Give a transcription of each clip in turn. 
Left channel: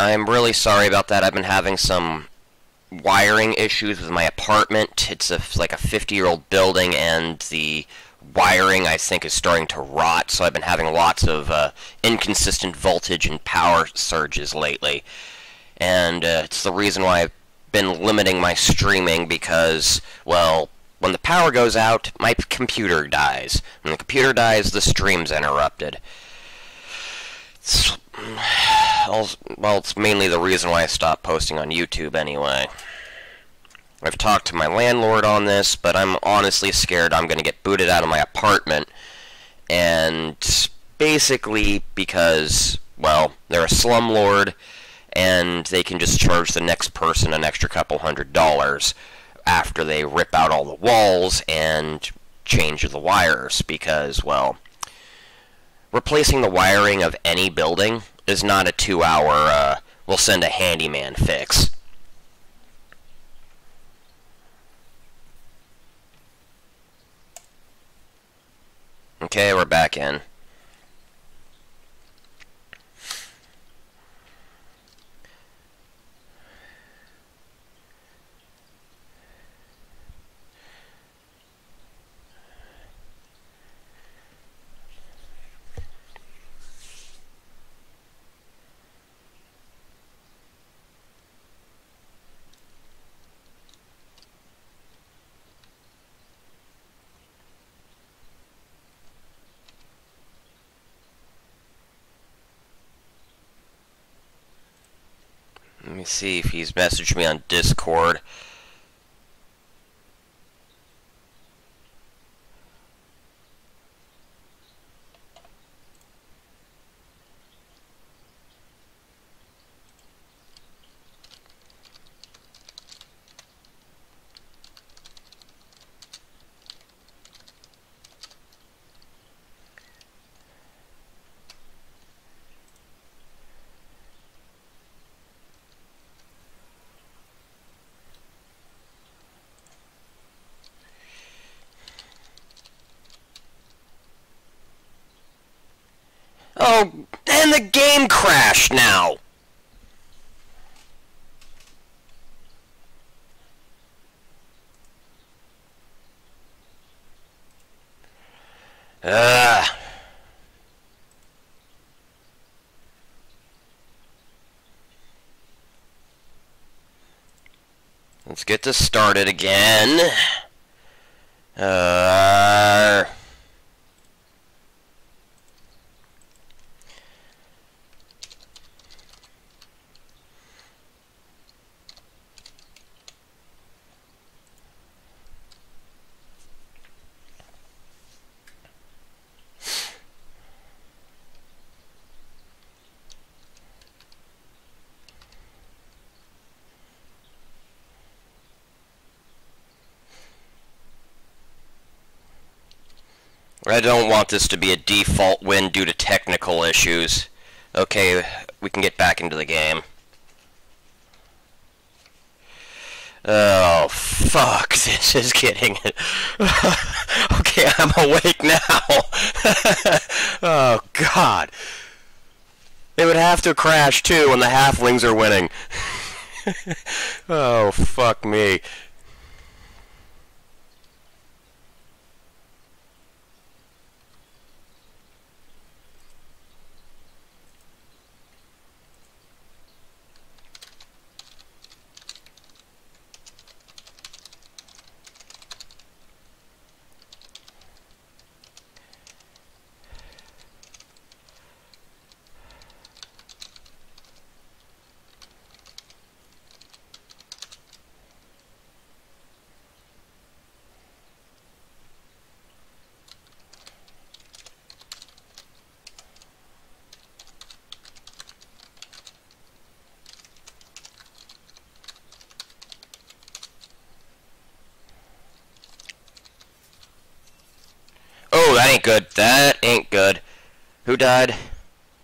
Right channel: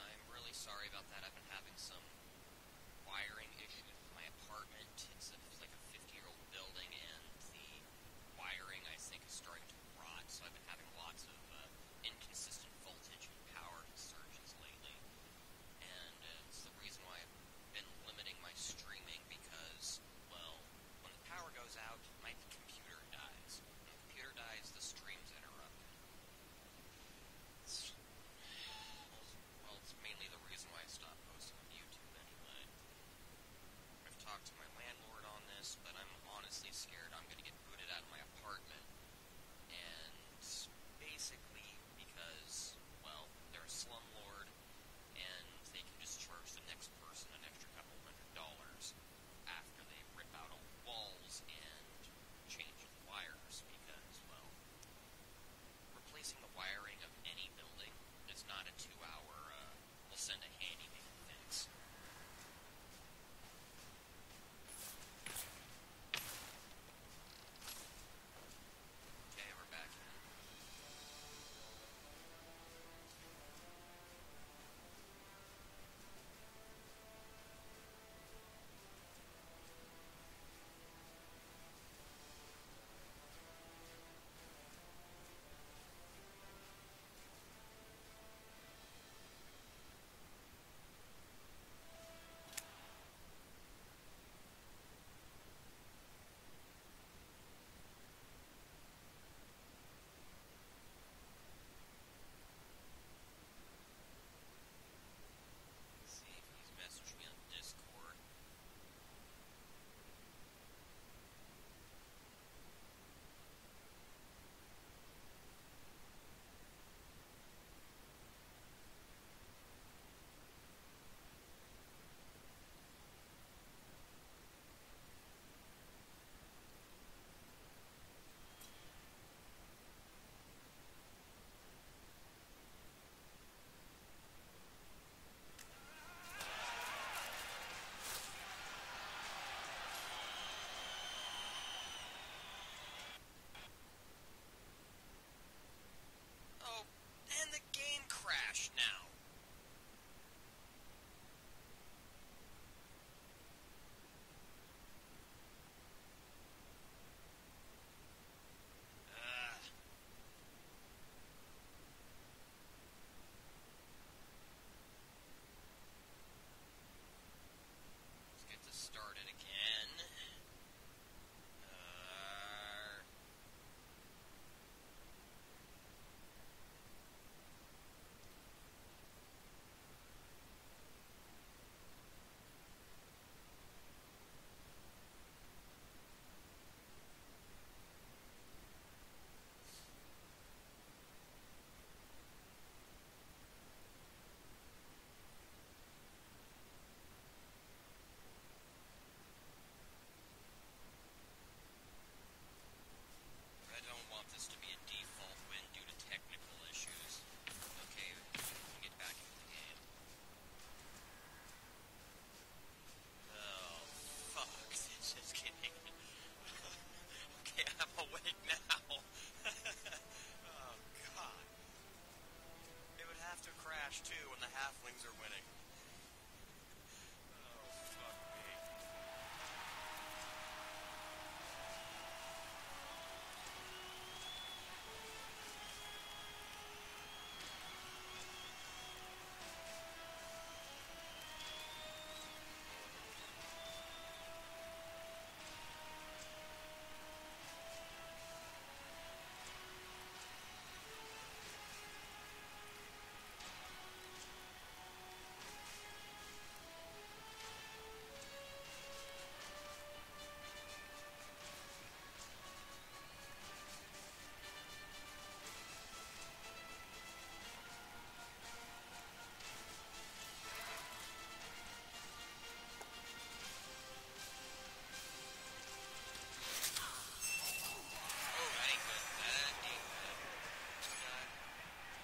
I'm really sorry about that. I've been having some wiring issues with my apartment. It's like a 50-year-old building, and the wiring, I think, is starting to rot, so I've been having lots of inconsistent voltage and power surges lately. And it's the reason why I've been limiting my streaming, because, well, when the power goes out, my computer dies. When the computer dies, the stream's interrupted. Well, it's mainly the reason why I stopped posting on YouTube anyway. I've talked to my landlord on this, but I'm honestly scared I'm going to get booted out of my apartment. And basically because, well, they're a slumlord, and they can just charge the next person an extra couple $100 after they rip out all the walls and change the wires, because, well, replacing the wiring of any building is not a 2-hour, we'll send a handyman fix. Okay, we're back in. Let me see if he's messaged me on Discord. Oh, and the game crashed now! Let's get this started again. I don't want this to be a default win due to technical issues. Okay, we can get back into the game. Oh, fuck, this is getting... Okay, I'm awake now. Oh, God. It would have to crash, too, when the halflings are winning. Oh, fuck me. Oh, that ain't good. That ain't good. Who died?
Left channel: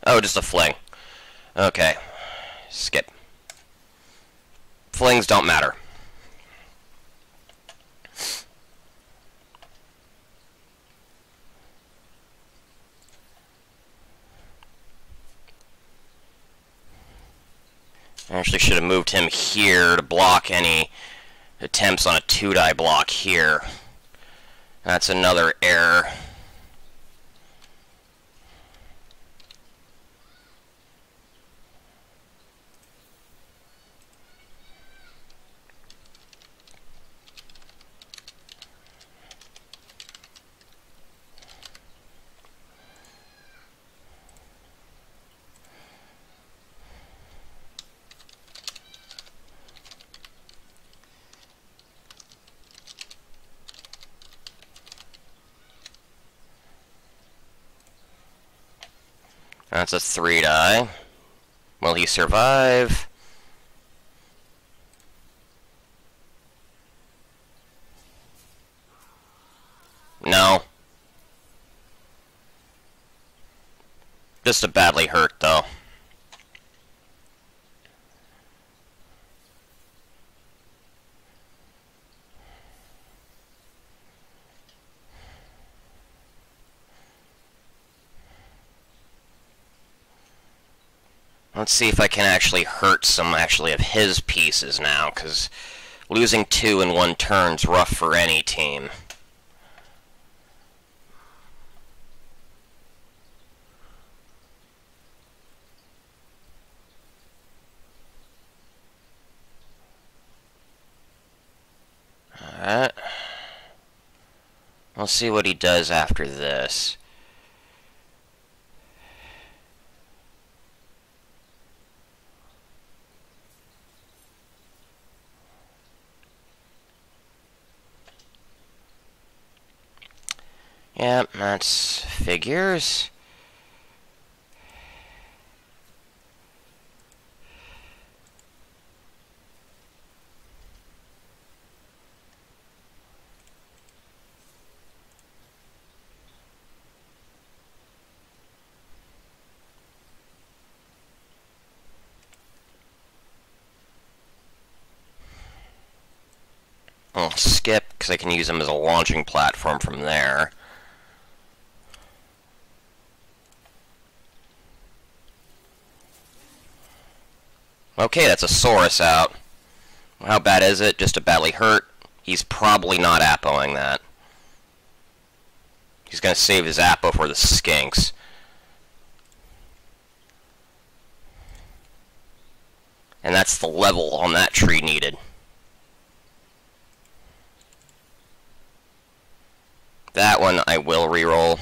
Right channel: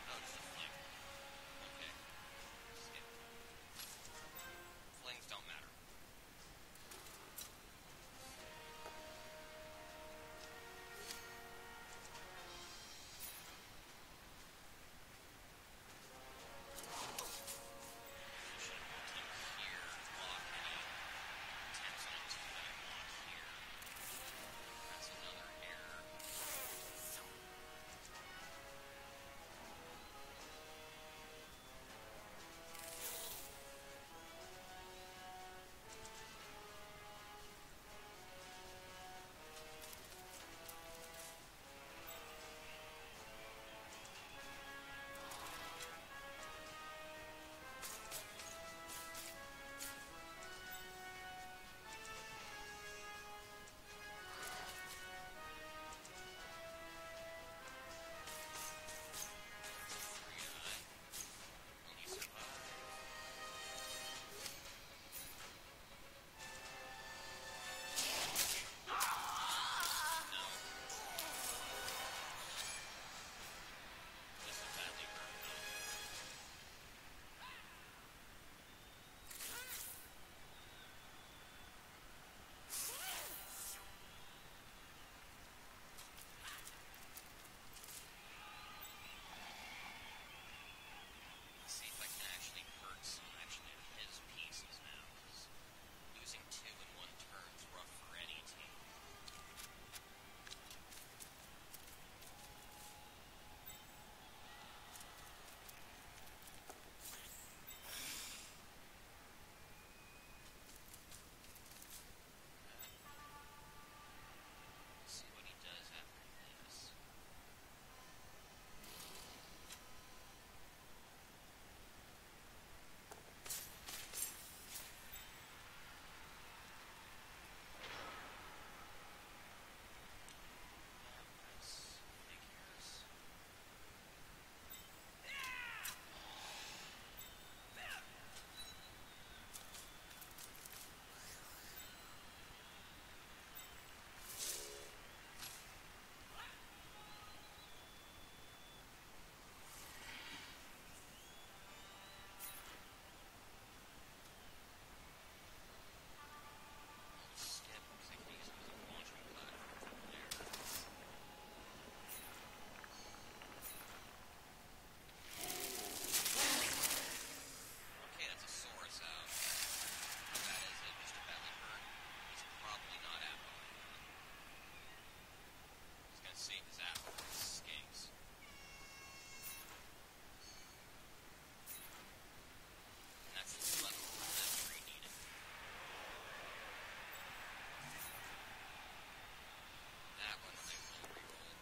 Oh, just a fling. Okay. Skip. Flings don't matter. I actually should have moved him here to block any attempts on a 2-die block here. That's another error. That's a 3-die. Will he survive? No. Just a badly hurt, though. Let's see if I can actually hurt some of his pieces now, because losing 2 in 1 turn's rough for any team. Alright. We'll see what he does after this. Yep, that's figures. I'll skip, because I can use them as a launching platform from there. Okay, that's a Saurus out. How bad is it? Just a badly hurt? He's probably not appoing that. He's gonna save his appo for the skinks. And that's the level on that tree needed. That one I will reroll.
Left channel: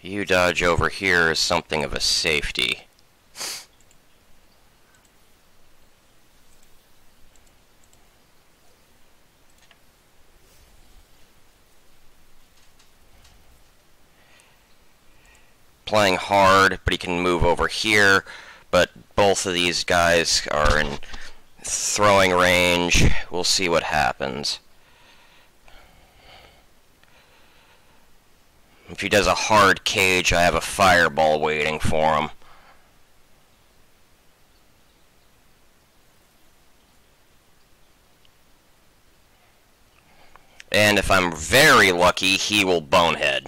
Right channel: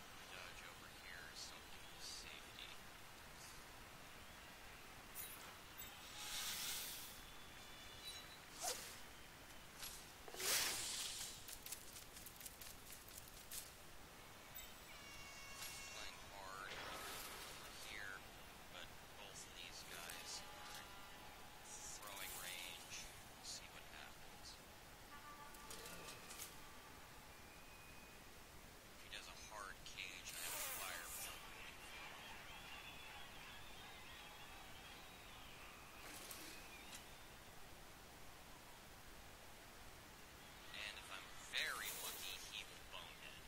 You dodge over here is something of a safety. Playing hard, but he can move over here, but both of these guys are in throwing range. We'll see what happens. If he does a hard cage, I have a fireball waiting for him. And if I'm very lucky, he will bonehead.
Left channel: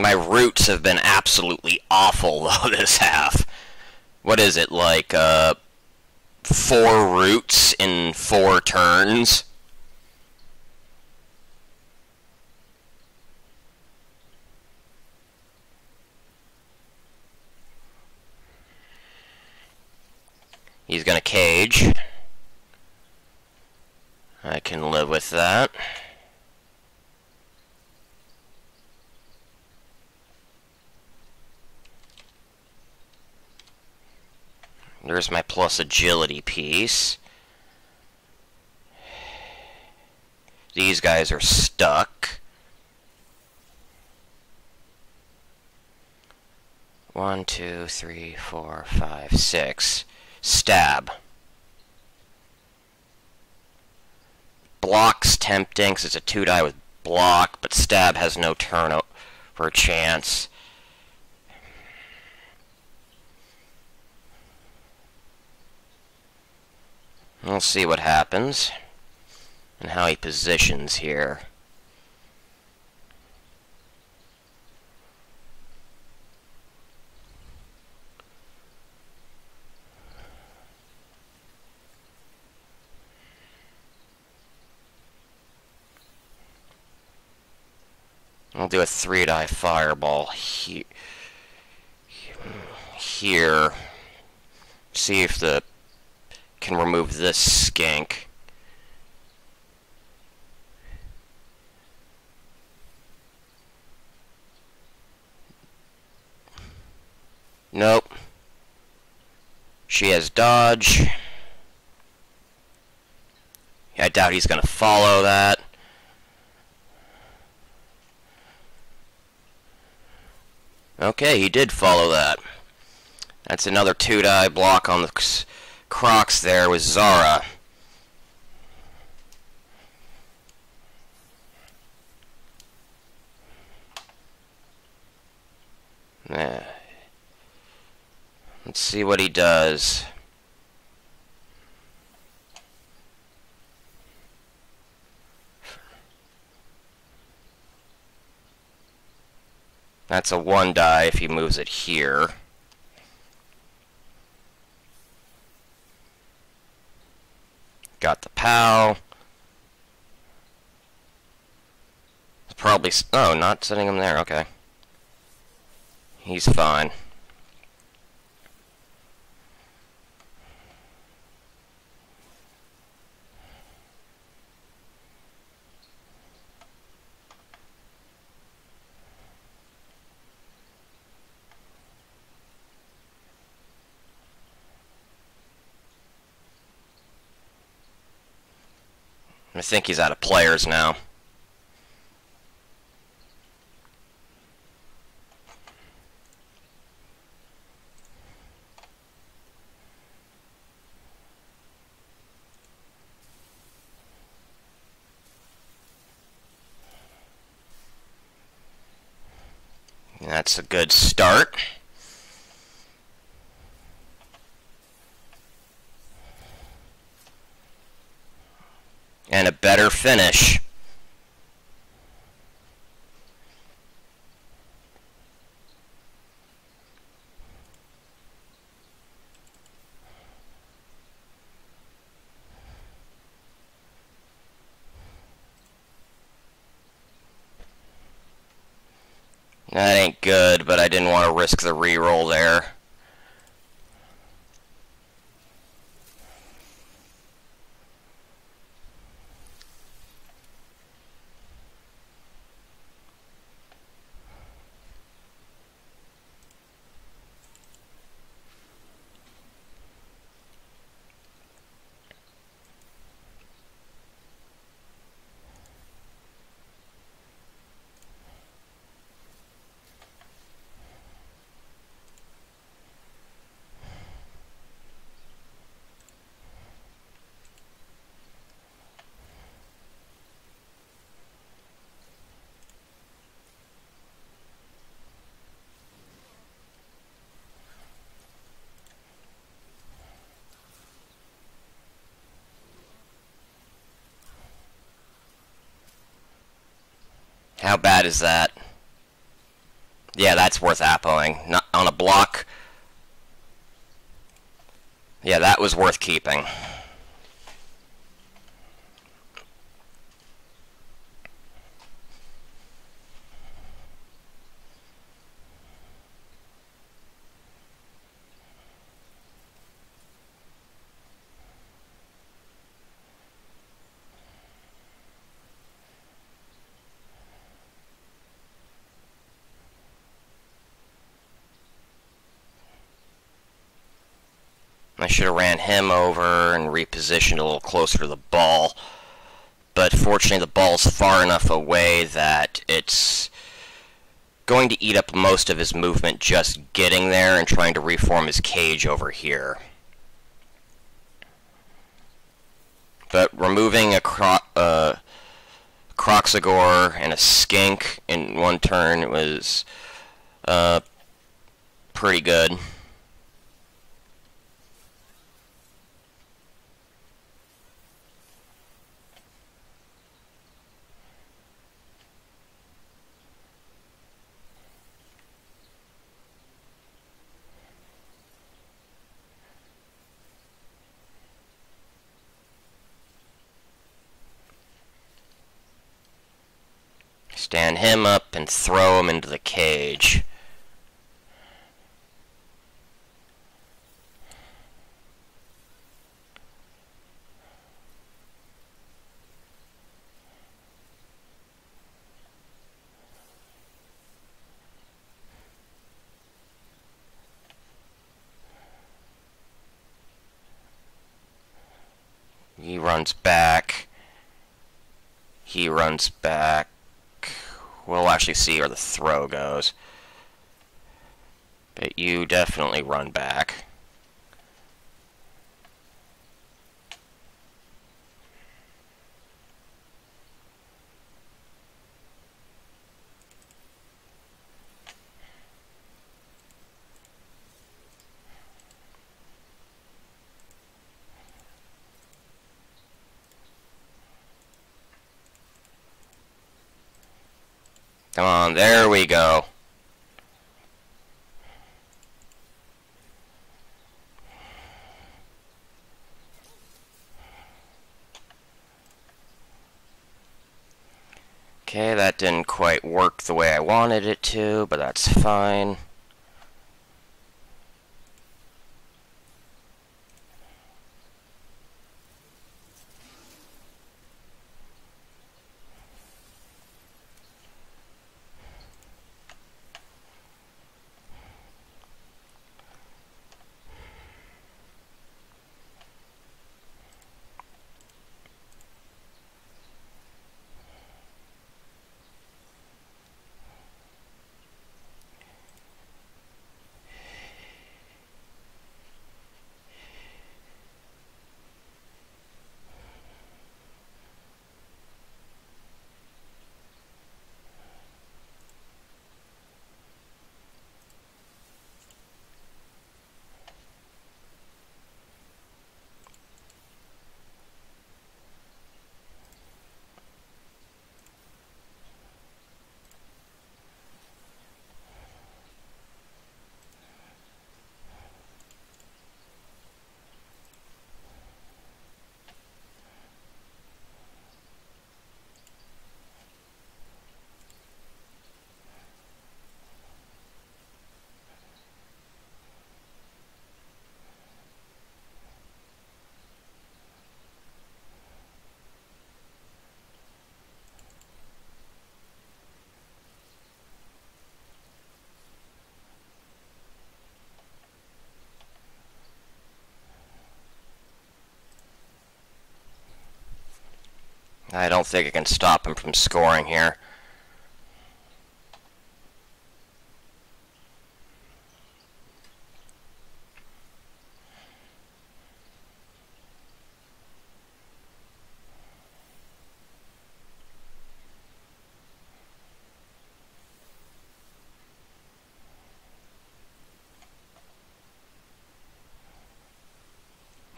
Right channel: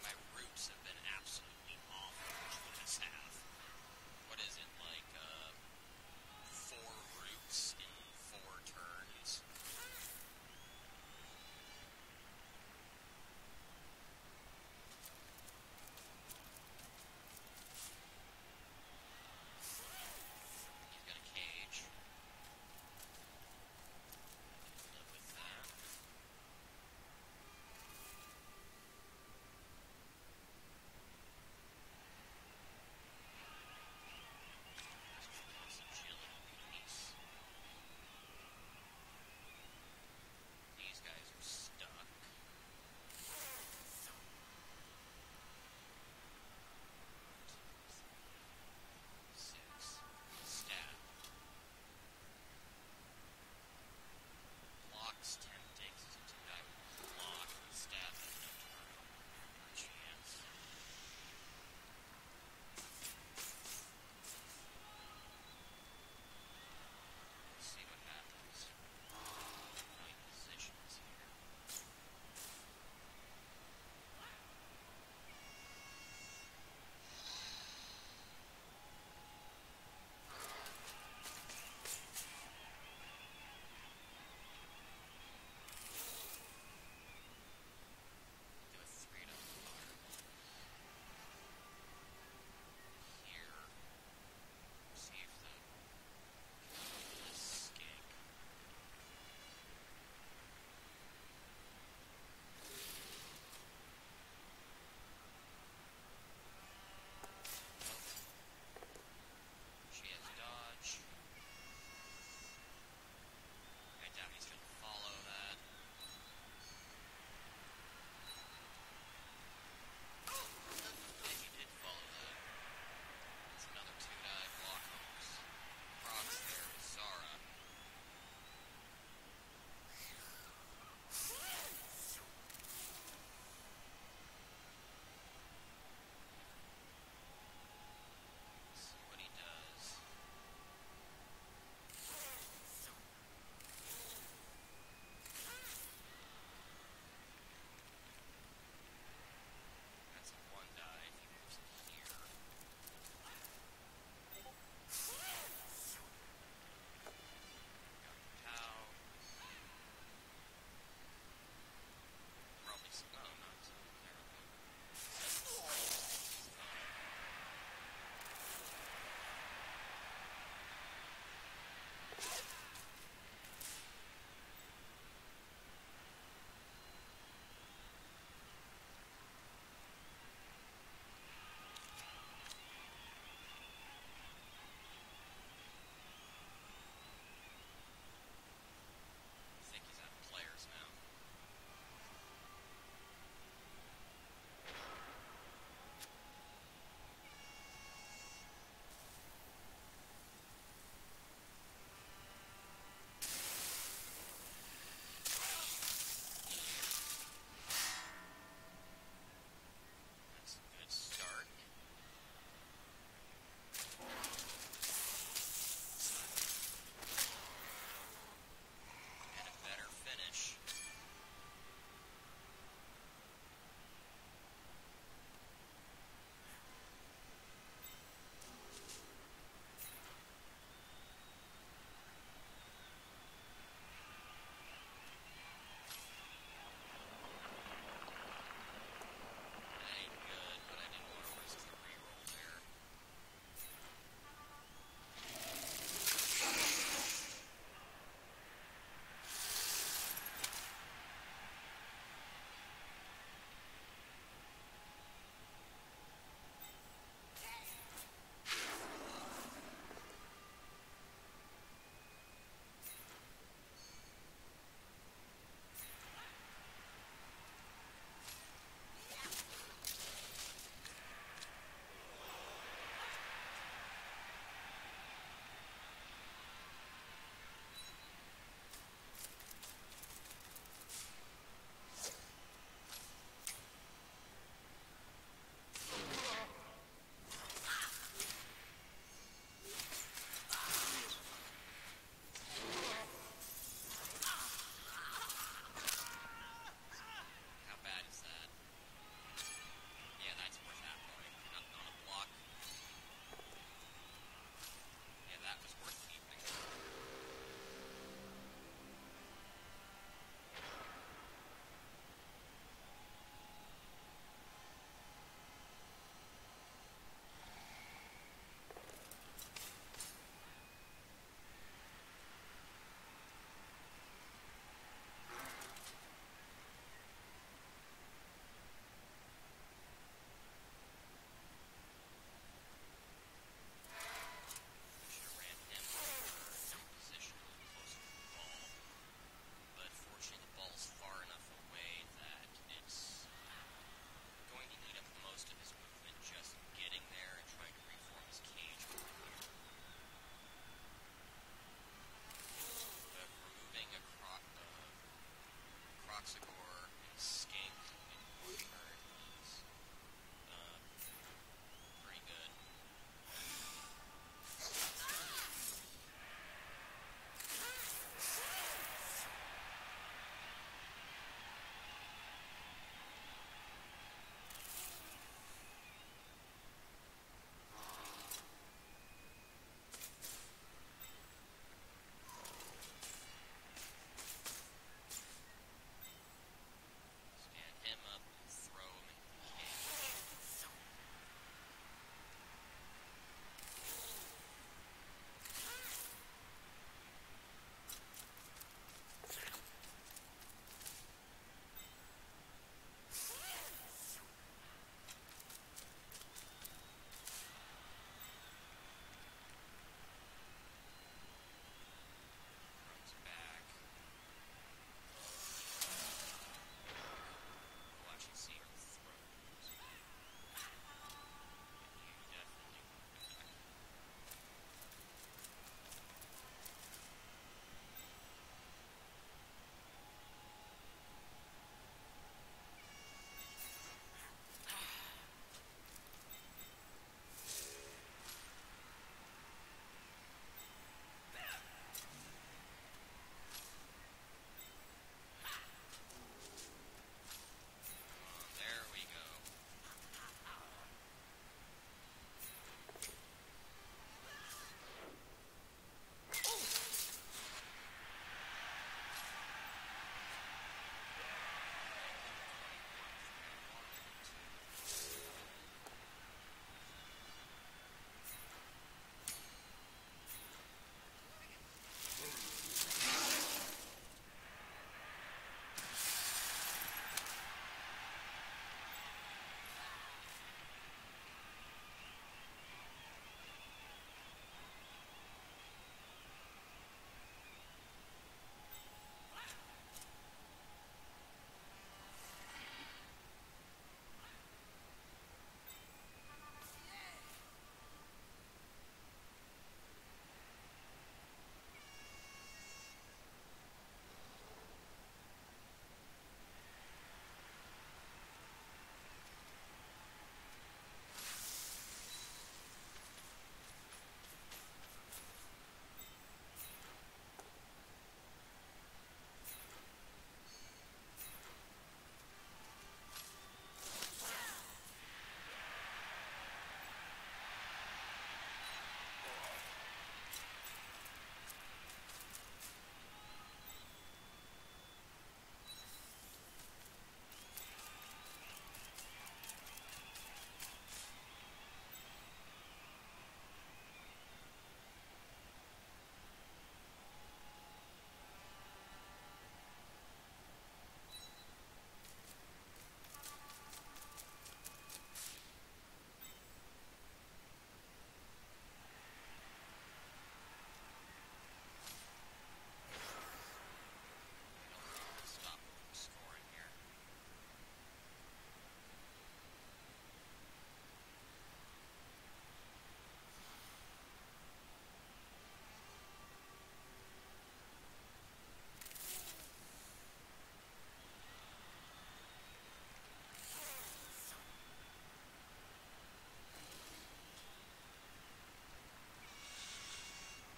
My roots have been absolutely awful, though, this half. What is it, like, 4 roots in 4 turns? He's gonna cage. I can live with that. There's my plus agility piece. These guys are stuck. 1, 2, 3, 4, 5, 6. Stab. Block's tempting because it's a 2-die with block, but stab has no turnover chance. We'll see what happens and how he positions here. I'll do a 3-die fireball here. See if the can remove this skink. Nope. She has dodge. I doubt he's gonna follow that. Okay, he did follow that. That's another 2-die block on the Crocs there with Zara. Let's see what he does. That's a 1-die if he moves it here. Got the POW. Probably... Oh, not setting him there. Okay. He's fine. I think he's out of players now. That's a good start. And a better finish. That ain't good, but I didn't want to risk the reroll there. How bad is that? Yeah, that's worth appoing. Not on a block. Yeah, that was worth keeping. I should have ran him over and repositioned a little closer to the ball. But fortunately the ball's far enough away that it's going to eat up most of his movement just getting there and trying to reform his cage over here. But removing a Croxagore and a Skink in one turn was pretty good. Stand him up and throw him into the cage. He runs back. He runs back. We'll actually see where the throw goes. But you definitely run back. Come on, there we go. Okay, that didn't quite work the way I wanted it to, but that's fine. I don't think I can stop him from scoring here.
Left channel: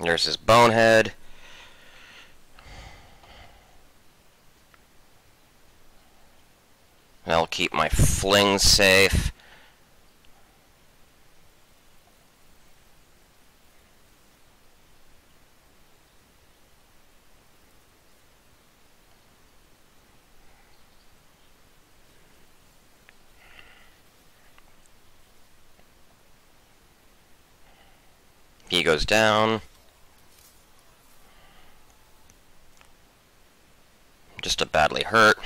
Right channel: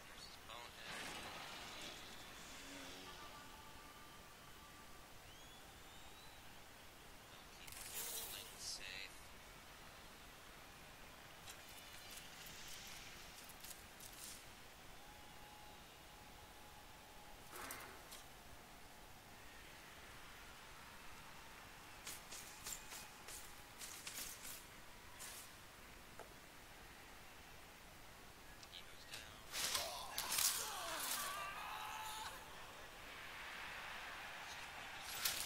There's his bonehead. I'll keep my fling safe. He goes down. Just a badly hurt.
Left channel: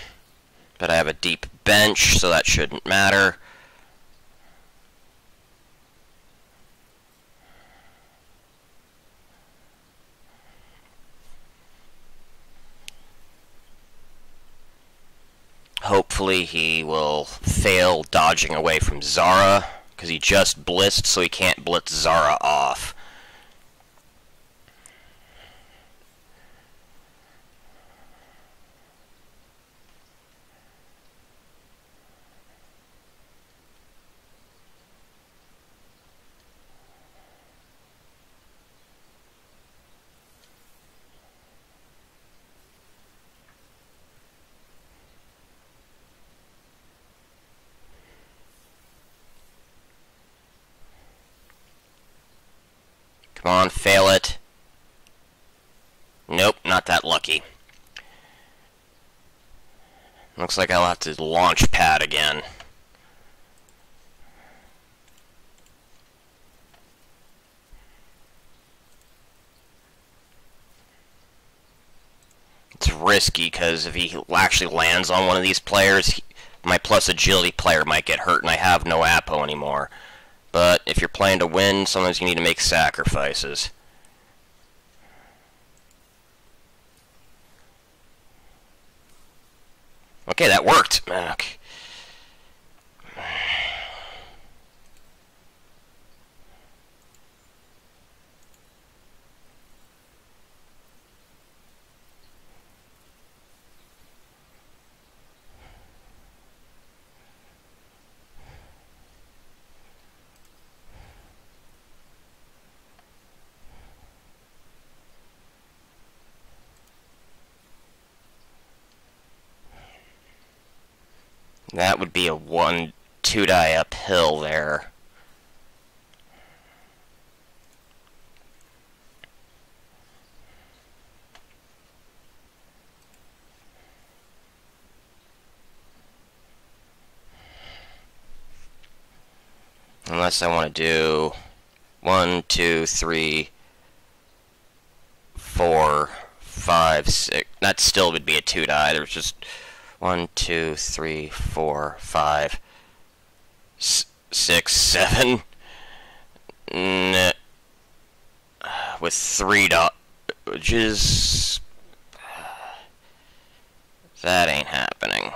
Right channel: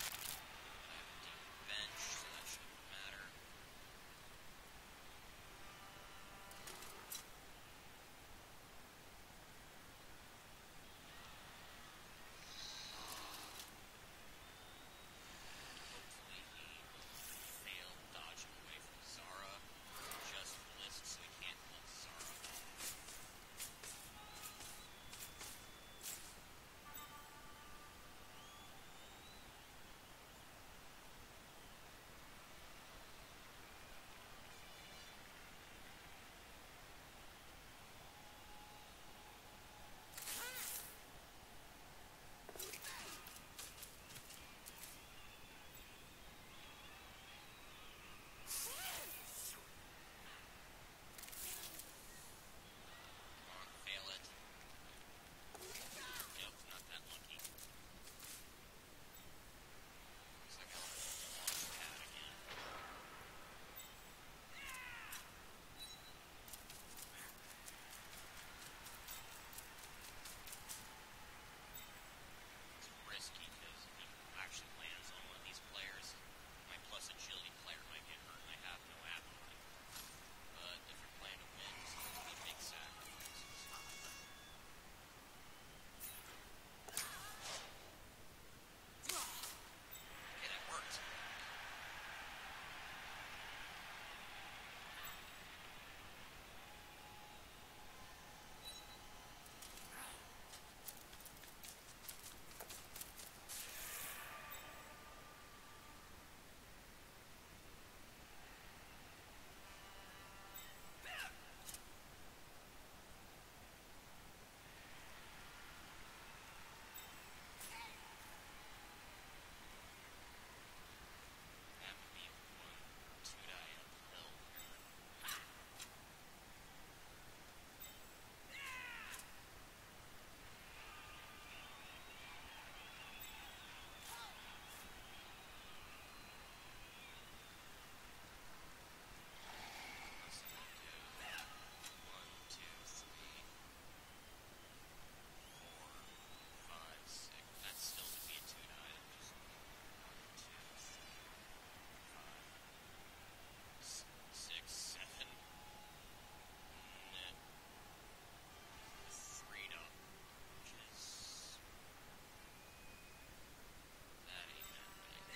But I have a deep bench, so that shouldn't matter. Hopefully he will fail dodging away from Zara, because he just blitzed, so he can't blitz Zara off. Come on, fail it. Nope, not that lucky. Looks like I'll have to launch pad again. It's risky, because if he actually lands on one of these players, my plus agility player might get hurt, and I have no Apo anymore. But if you're playing to win, sometimes you need to make sacrifices. Okay, that worked. Okay. That would be a 1-2 die uphill there. Unless I want to do 1, 2, 3, 4, 5, 6. That still would be a 2 die. There's just 1, 2, 3, 4, 5, 6, 7. With 3 dodges. That ain't happening.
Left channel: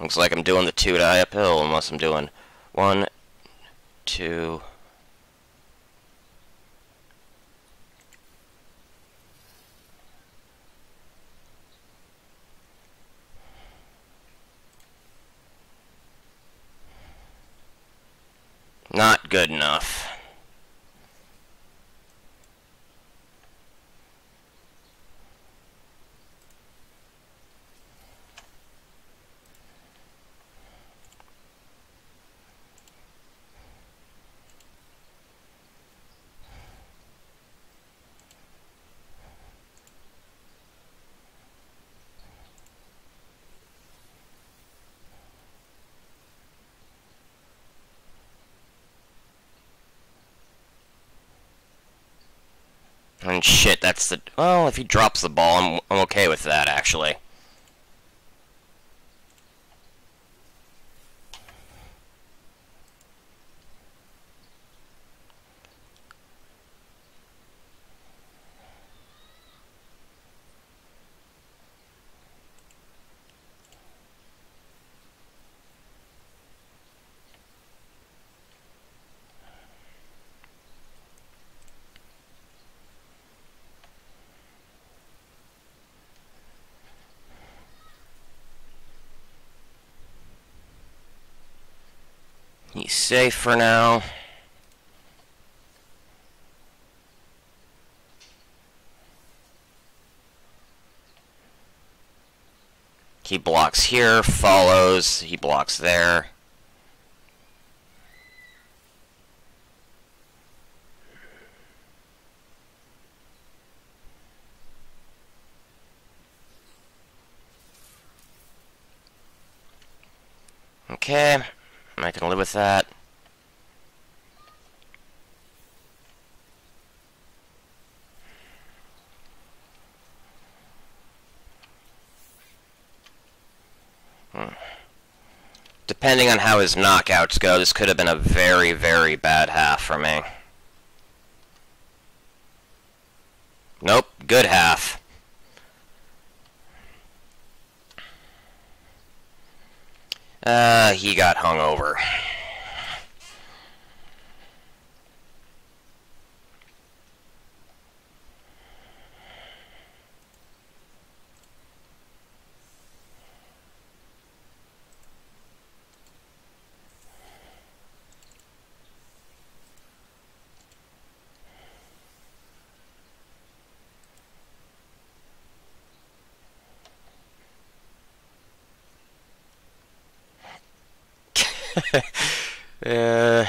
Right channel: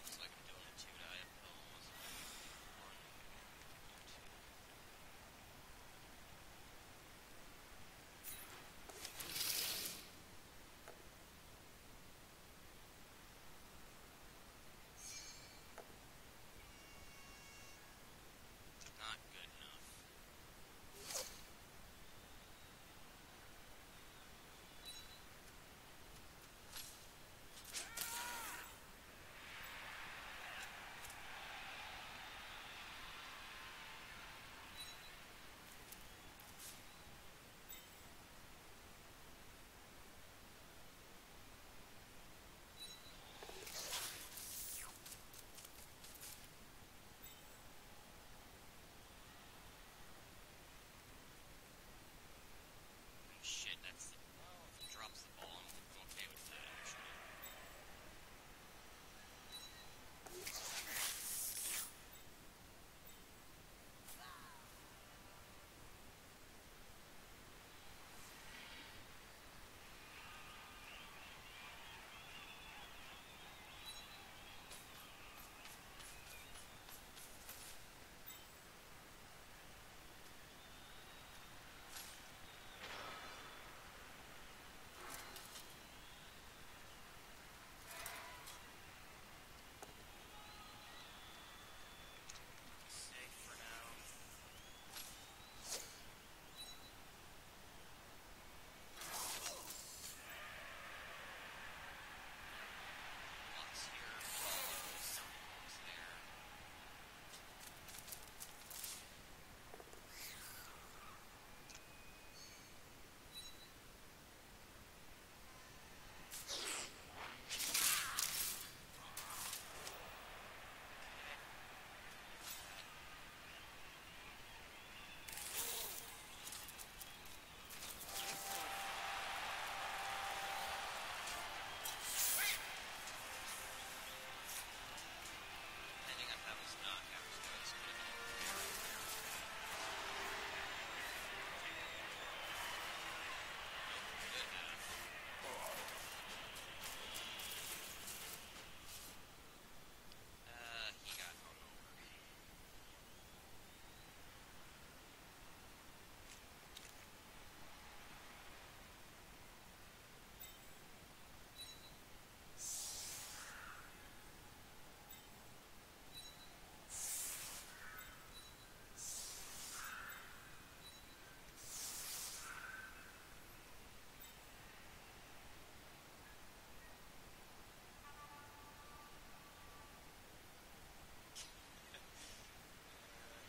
Looks like I'm doing the 2 die uphill, unless I'm doing 1, 2. Not good enough. And shit, that's the... Well, if he drops the ball, I'm okay with that, actually. He's safe for now. He blocks here, follows, he blocks there. Okay, I can live with that. Depending on how his knockouts go, this could have been a very, very bad half for me. Nope, good half. He got hung over. uh...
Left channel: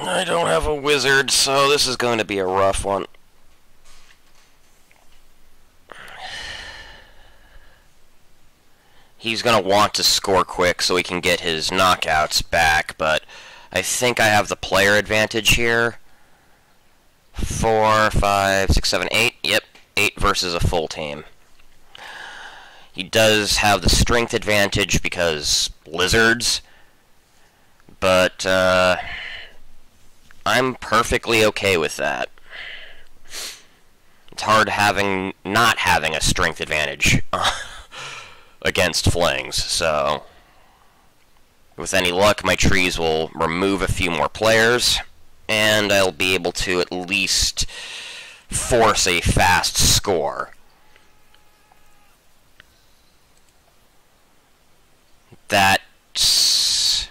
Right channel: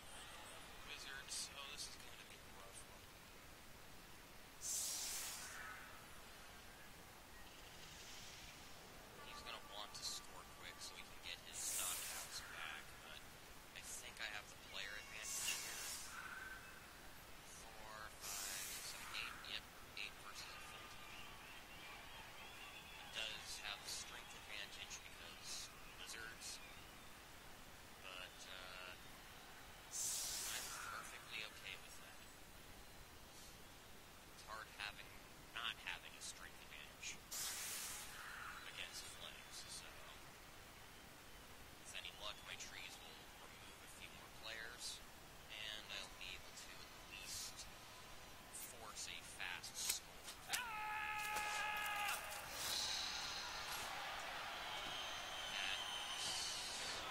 I don't have a wizard, so this is going to be a rough one. He's going to want to score quick so he can get his knockouts back, but I think I have the player advantage here. 4, 5, 6, 7, 8. Yep, 8 versus a full team. He does have the strength advantage because lizards, but I'm perfectly okay with that. It's hard not having a strength advantage against flings, so with any luck my trees will remove a few more players, and I'll be able to at least force a fast score. That's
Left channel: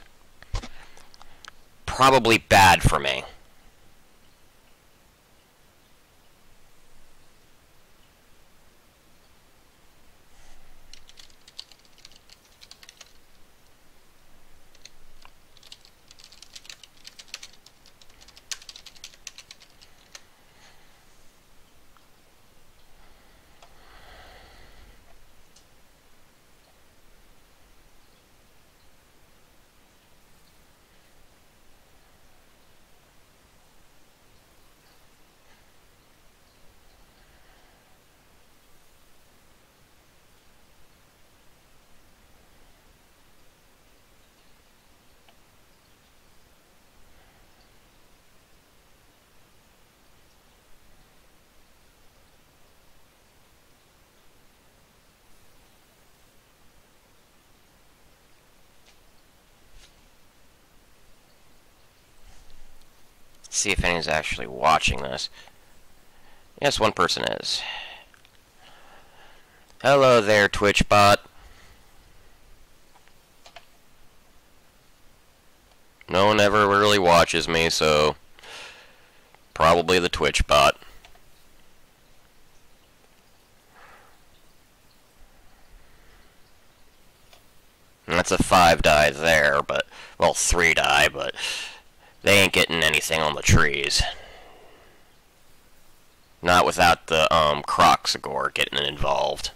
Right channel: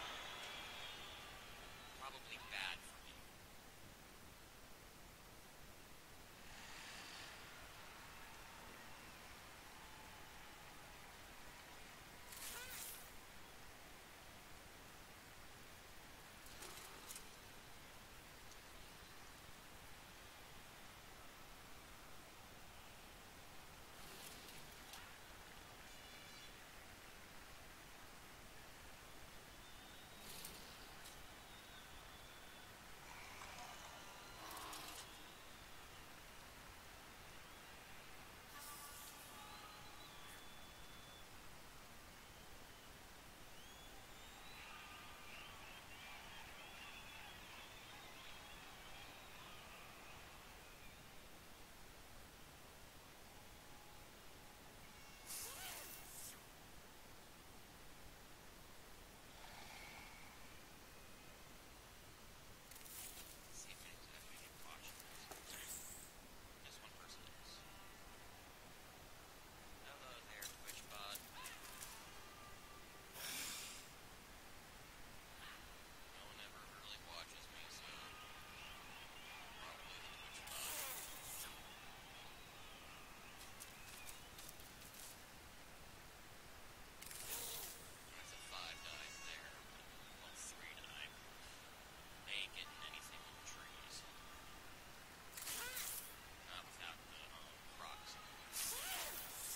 probably bad for me. See if anyone's actually watching this. Yes, one person is. Hello there, Twitch bot. No one ever really watches me, so probably the Twitch bot. And that's a 5 die there, but, well, 3 die, but they ain't getting anything on the trees. Not without the, Croxagore getting involved.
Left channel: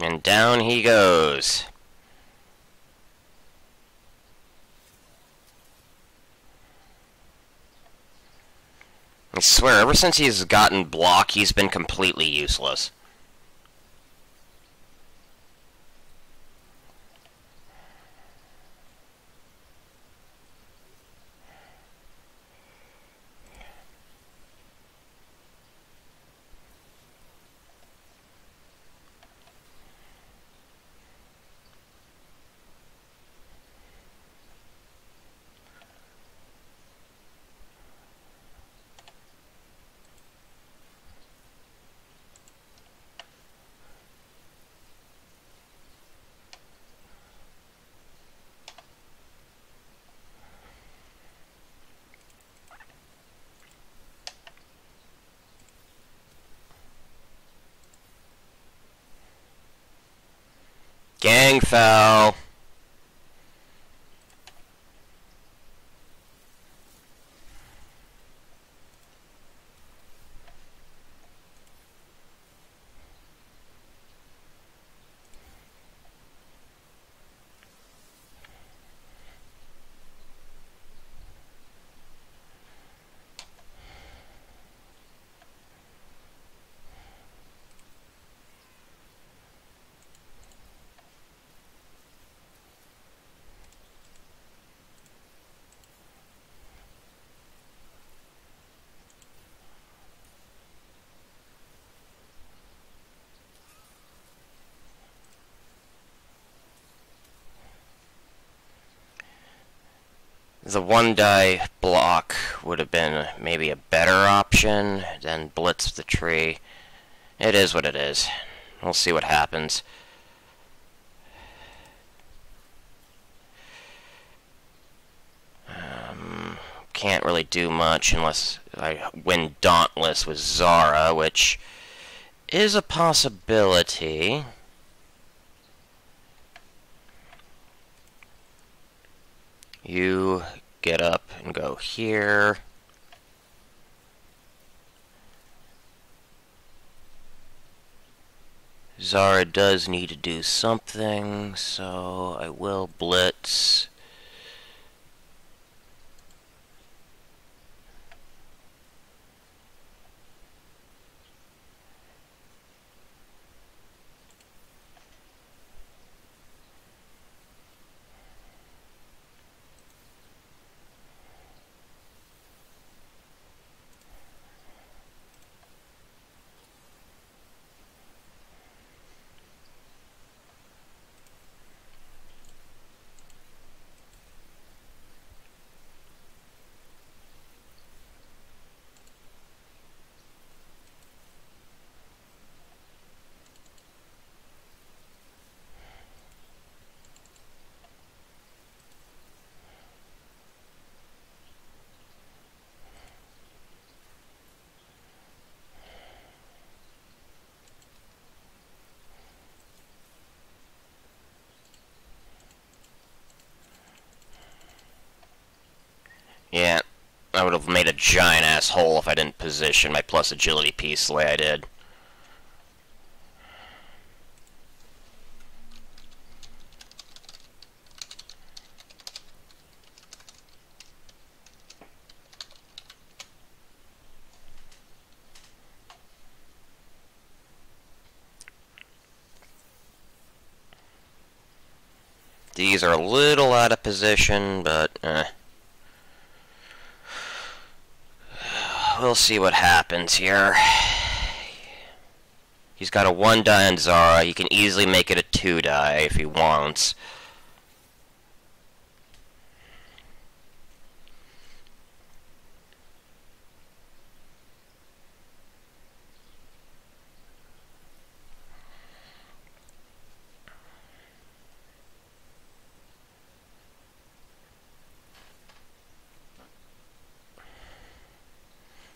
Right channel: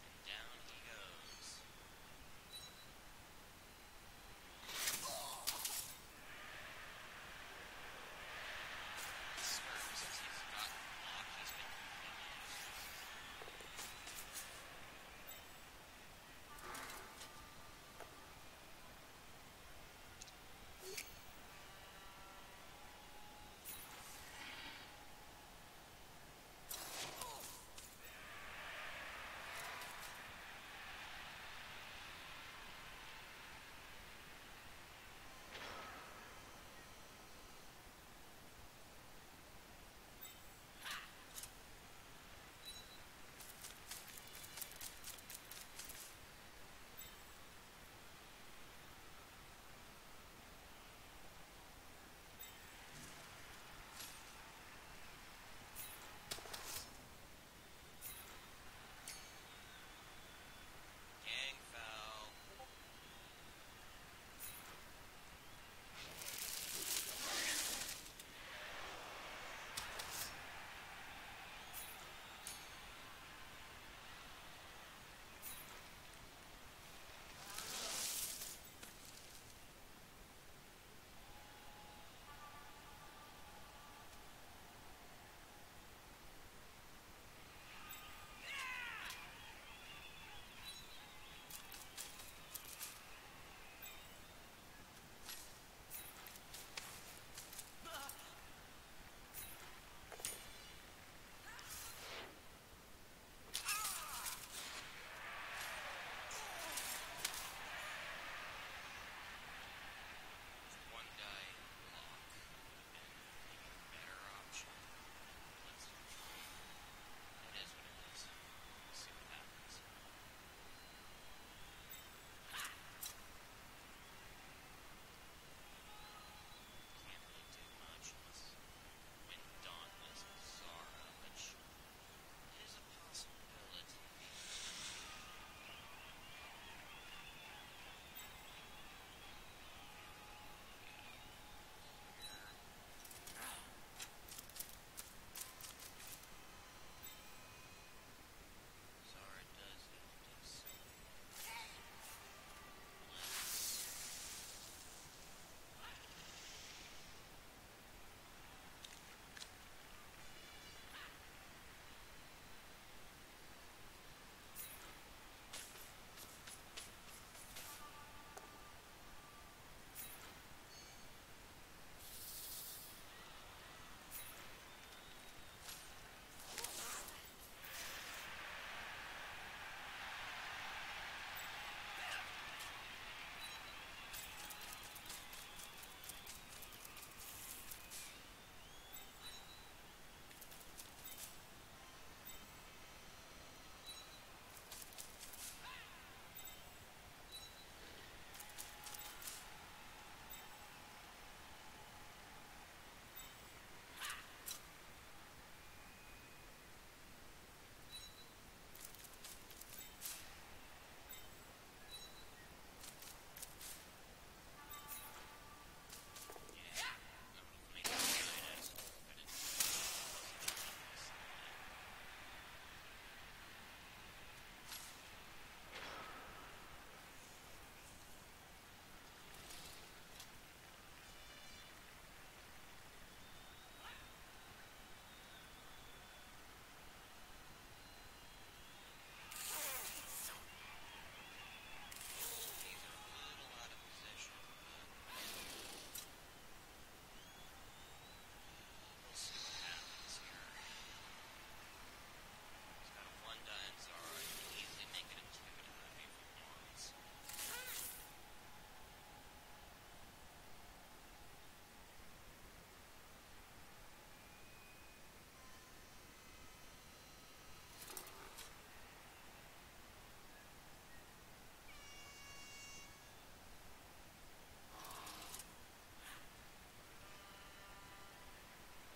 And down he goes. I swear, ever since he's gotten block, he's been completely useless. Gang foul. The one die block would have been maybe a better option than blitz the tree. It is what it is. We'll see what happens. Can't really do much unless I win Dauntless with Zara, which is a possibility. You get up and go here. Zara does need to do something, so I will blitz. Yeah, I would have made a giant ass hole if I didn't position my plus agility piece the way I did. These are a little out of position, but we'll see what happens here. He's got a 1 die on Zara. He can easily make it a 2 die if he wants.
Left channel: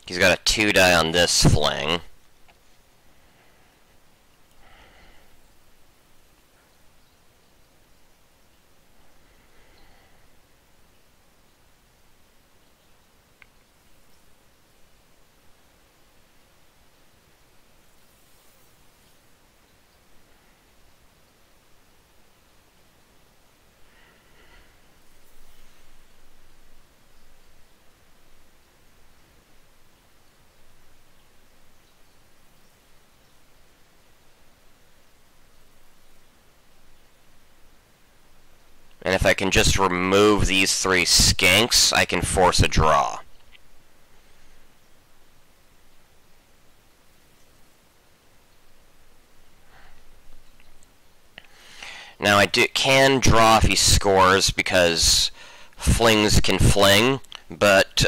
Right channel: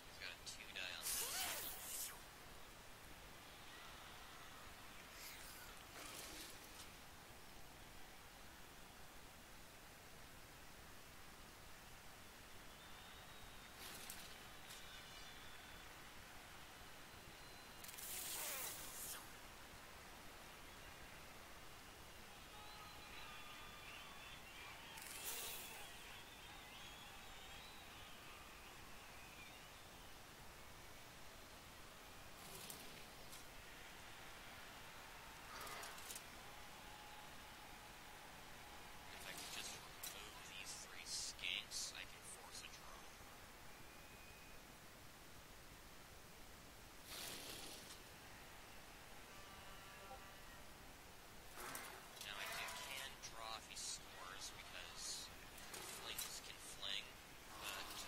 He's got a 2 die on this fling. And if I can just remove these 3 skanks, I can force a draw. Now I can draw if he scores, because flings can fling, but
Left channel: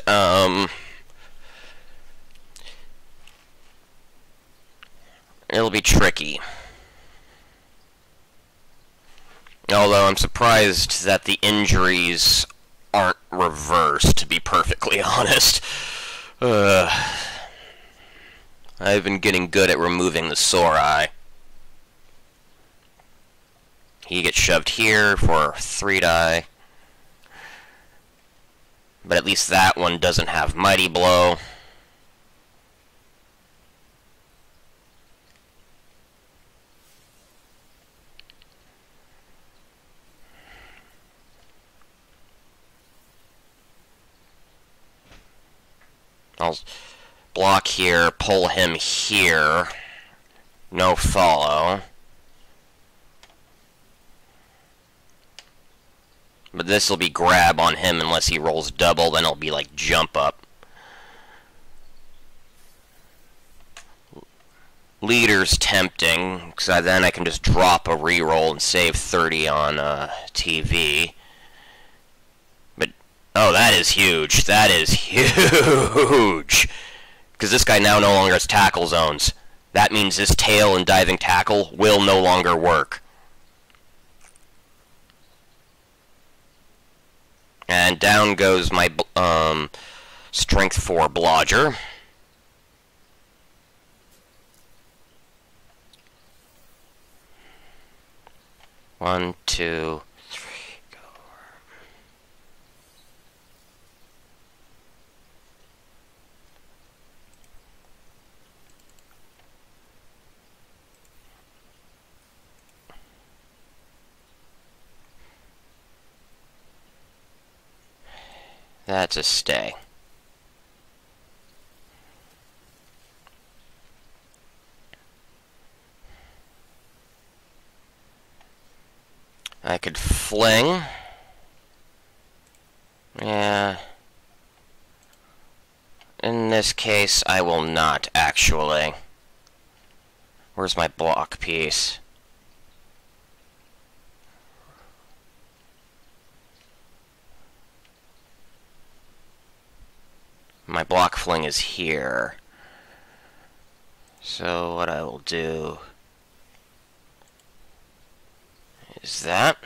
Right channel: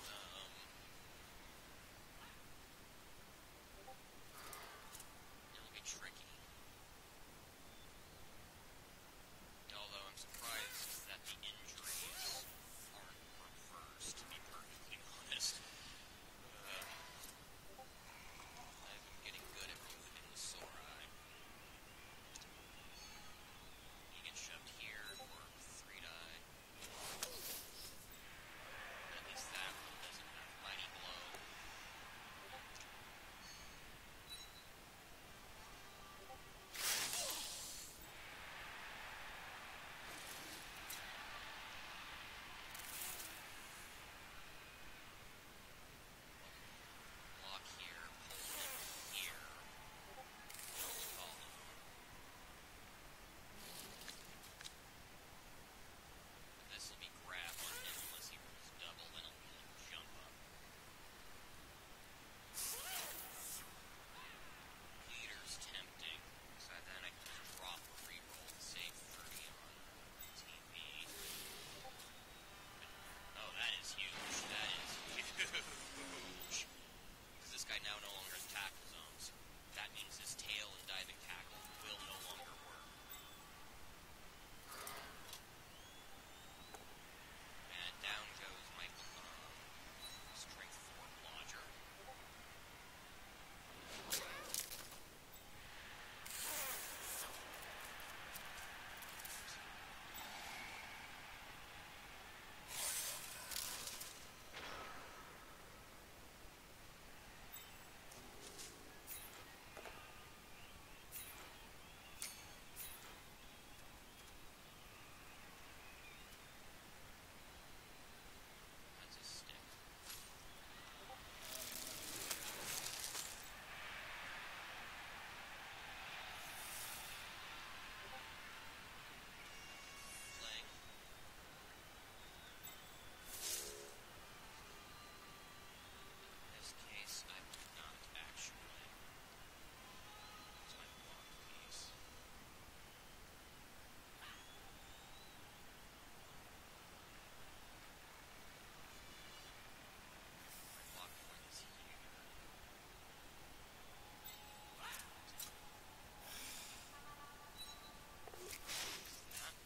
it'll be tricky. Although I'm surprised that the injuries aren't reversed, to be perfectly honest. I've been getting good at removing the sore eye. He gets shoved here for 3 die. But at least that one doesn't have Mighty Blow. I'll block here, pull him here. No follow. But this will be grab on him unless he rolls double, then it'll be like jump up. Leader's tempting, because then I can just drop a reroll and save 30 on TV. But, oh, that is huge. That is huge. Because this guy now no longer has tackle zones. That means his tail and diving tackle will no longer work. And down goes my strength 4 blodger. One, two, three, go. That's a stay. I could fling. Yeah. In this case, I will not, actually. Where's my block piece? My block fling is here. So what I will do is that.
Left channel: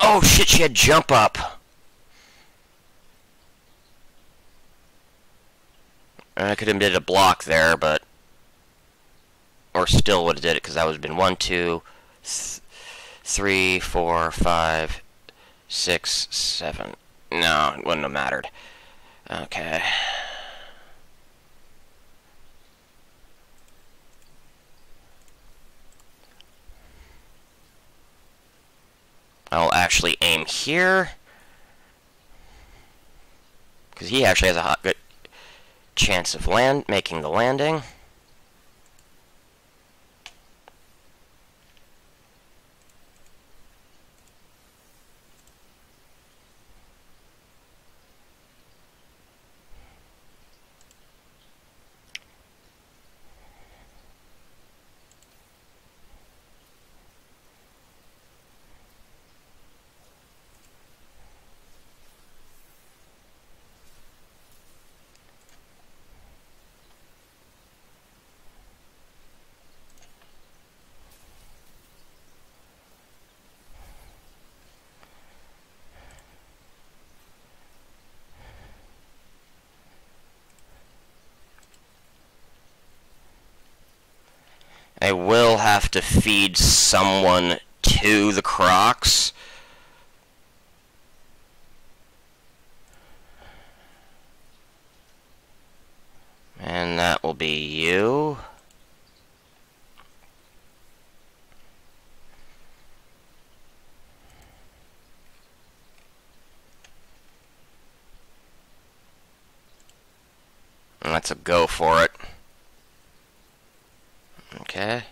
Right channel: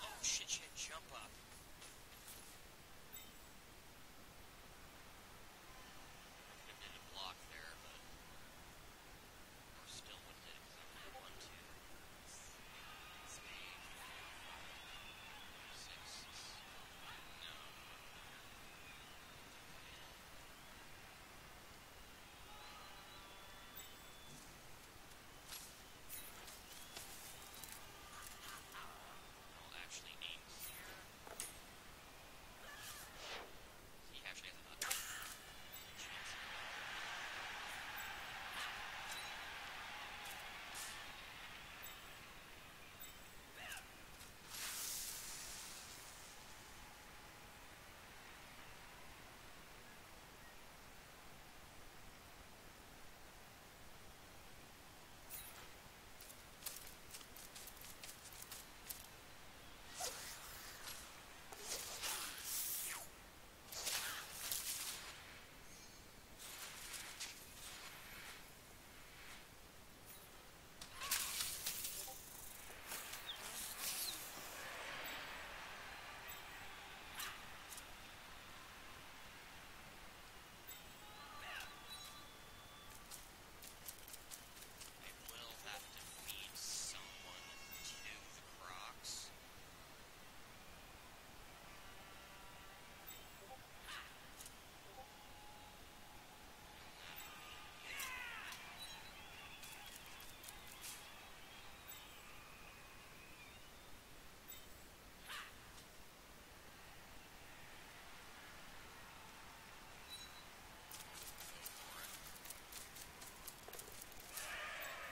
Oh shit, she had jump up. I could have did a block there, but... Or still would have did it, because that would have been 1, 2, 3, 4, 5, 6, 7. No, it wouldn't have mattered. Okay. I'll actually aim here. Because he actually has a good chance of making the landing. I will have to feed someone to the Crocs. And that will be you. That's a go for it. Okay.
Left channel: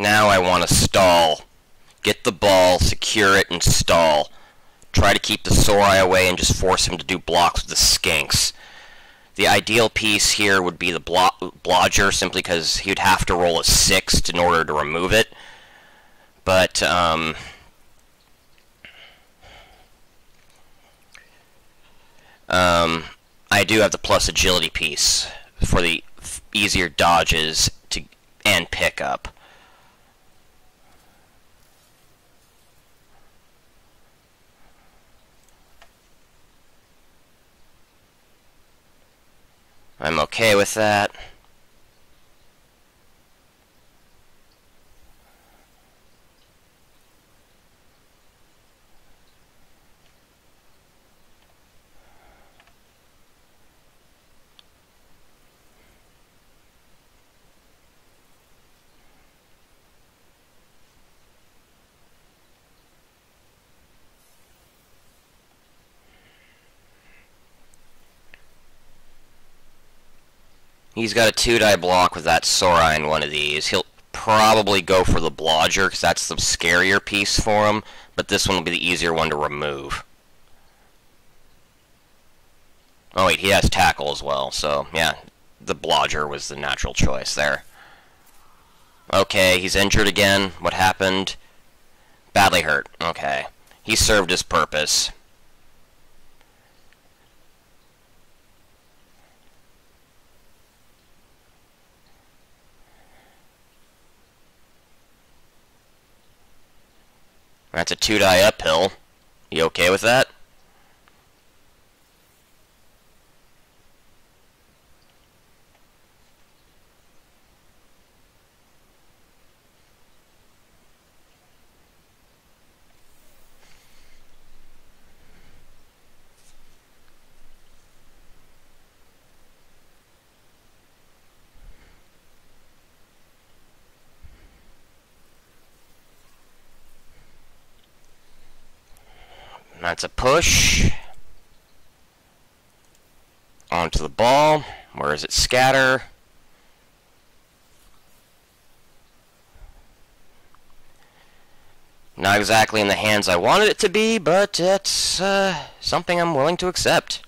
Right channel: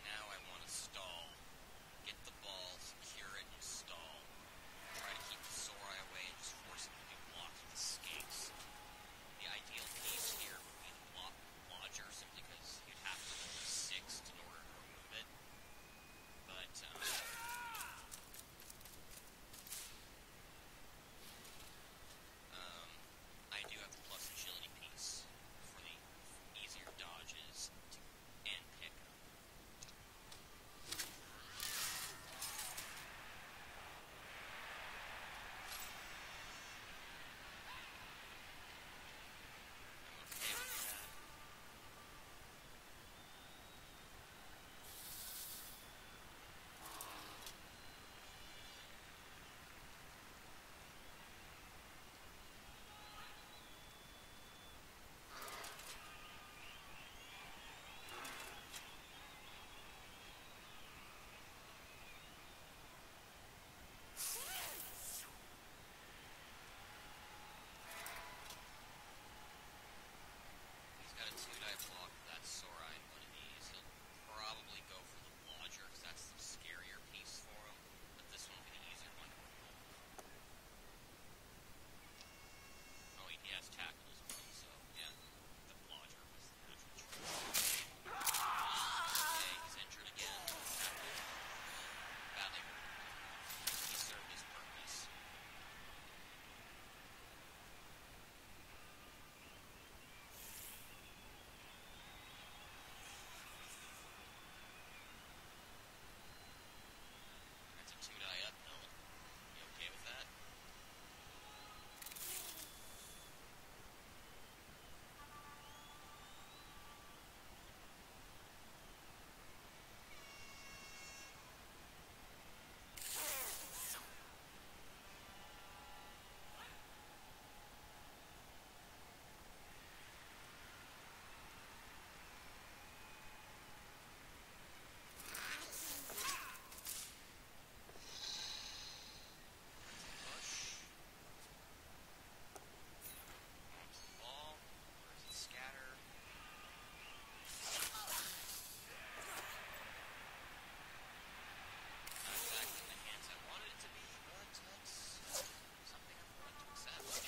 Now I want to stall. Get the ball, secure it, and stall. Try to keep the Sorai away and just force him to do blocks with the Skinks. The ideal piece here would be the Blodger, simply because he would have to roll a 6 in order to remove it. But, I do have the plus agility piece for the easier dodges and pickup. I'm okay with that. He's got a 2-die block with that Sorai in one of these. He'll probably go for the Blodger, because that's the scarier piece for him, but this one will be the easier one to remove. Oh wait, he has Tackle as well, so yeah, the Blodger was the natural choice there. Okay, he's injured again. What happened? Badly hurt. Okay. He served his purpose. That's a 2-die uphill. You okay with that? That's a push. Onto the ball. Where is it? Scatter. Not exactly in the hands I wanted it to be, but it's something I'm willing to accept.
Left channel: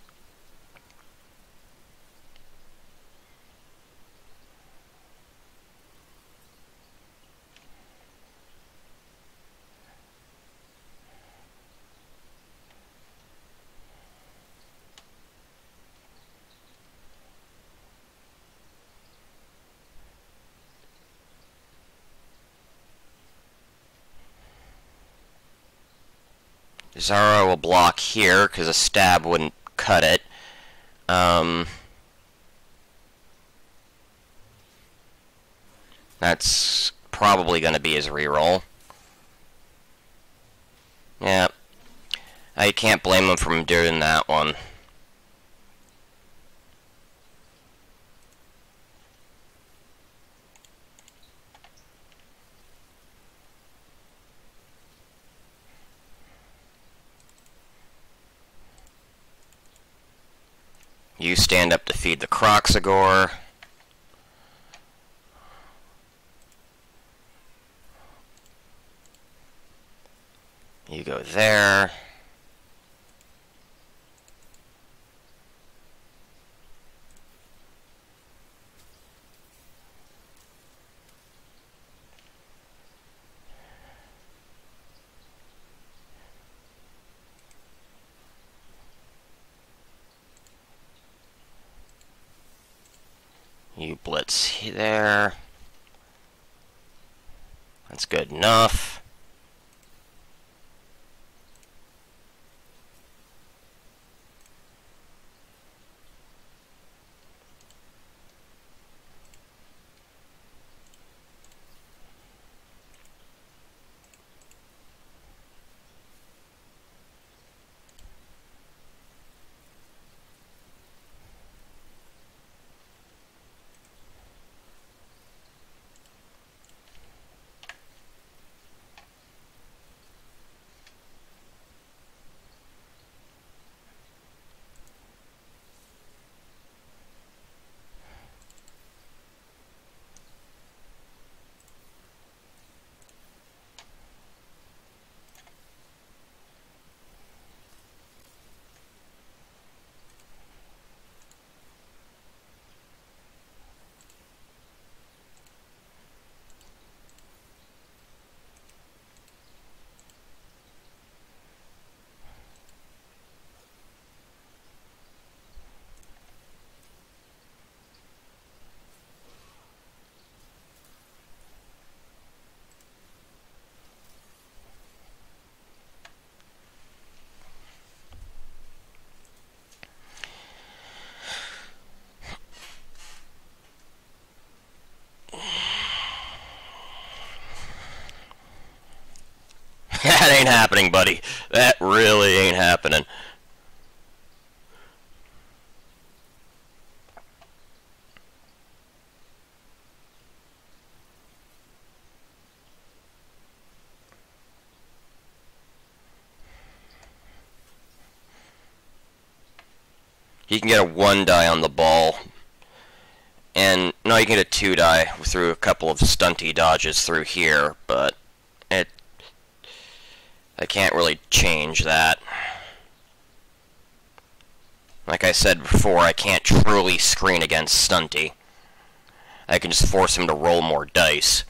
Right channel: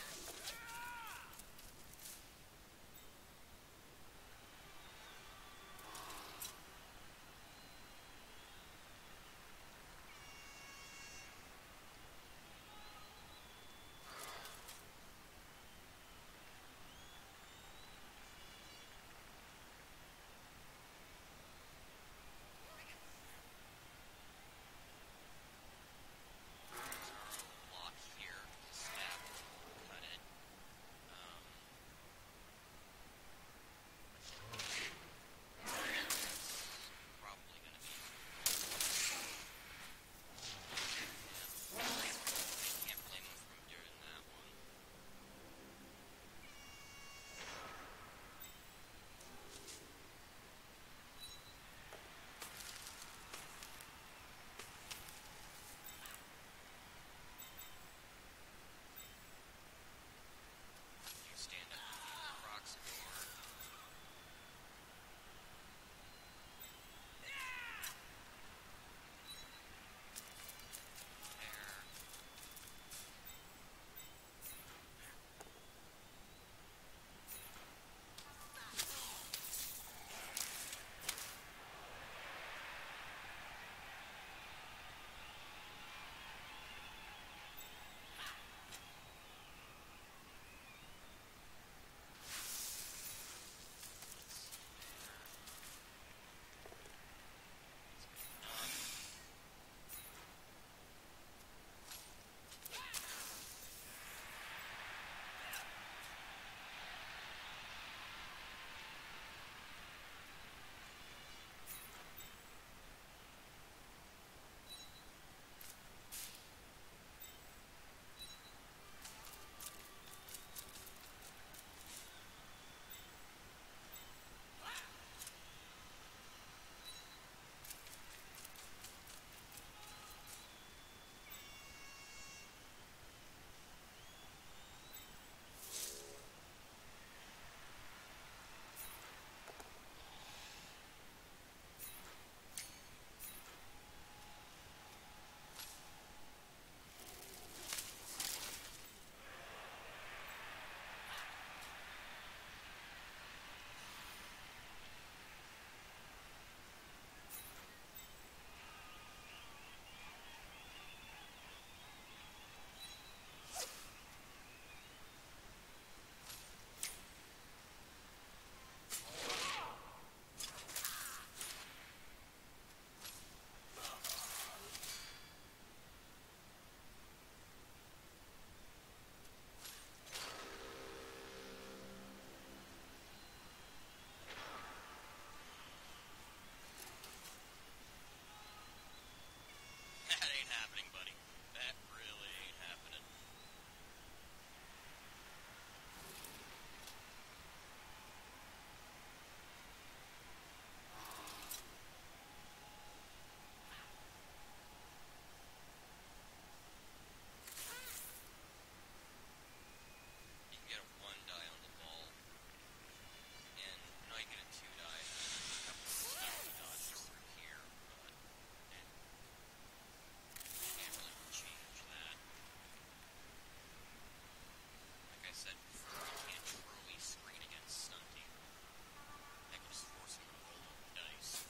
Zara will block here, because a stab wouldn't cut it. That's probably going to be his reroll. Yeah. I can't blame him for doing that one. You stand up to feed the Croxagore. You go there. You blitz there. That's good enough. happening, buddy. That really ain't happening. You can get a 1 die on the ball. And, no, you can get a 2 die through a couple of stunty dodges through here, but I can't really change that. Like I said before, I can't truly screen against stunty. I can just force him to roll more dice.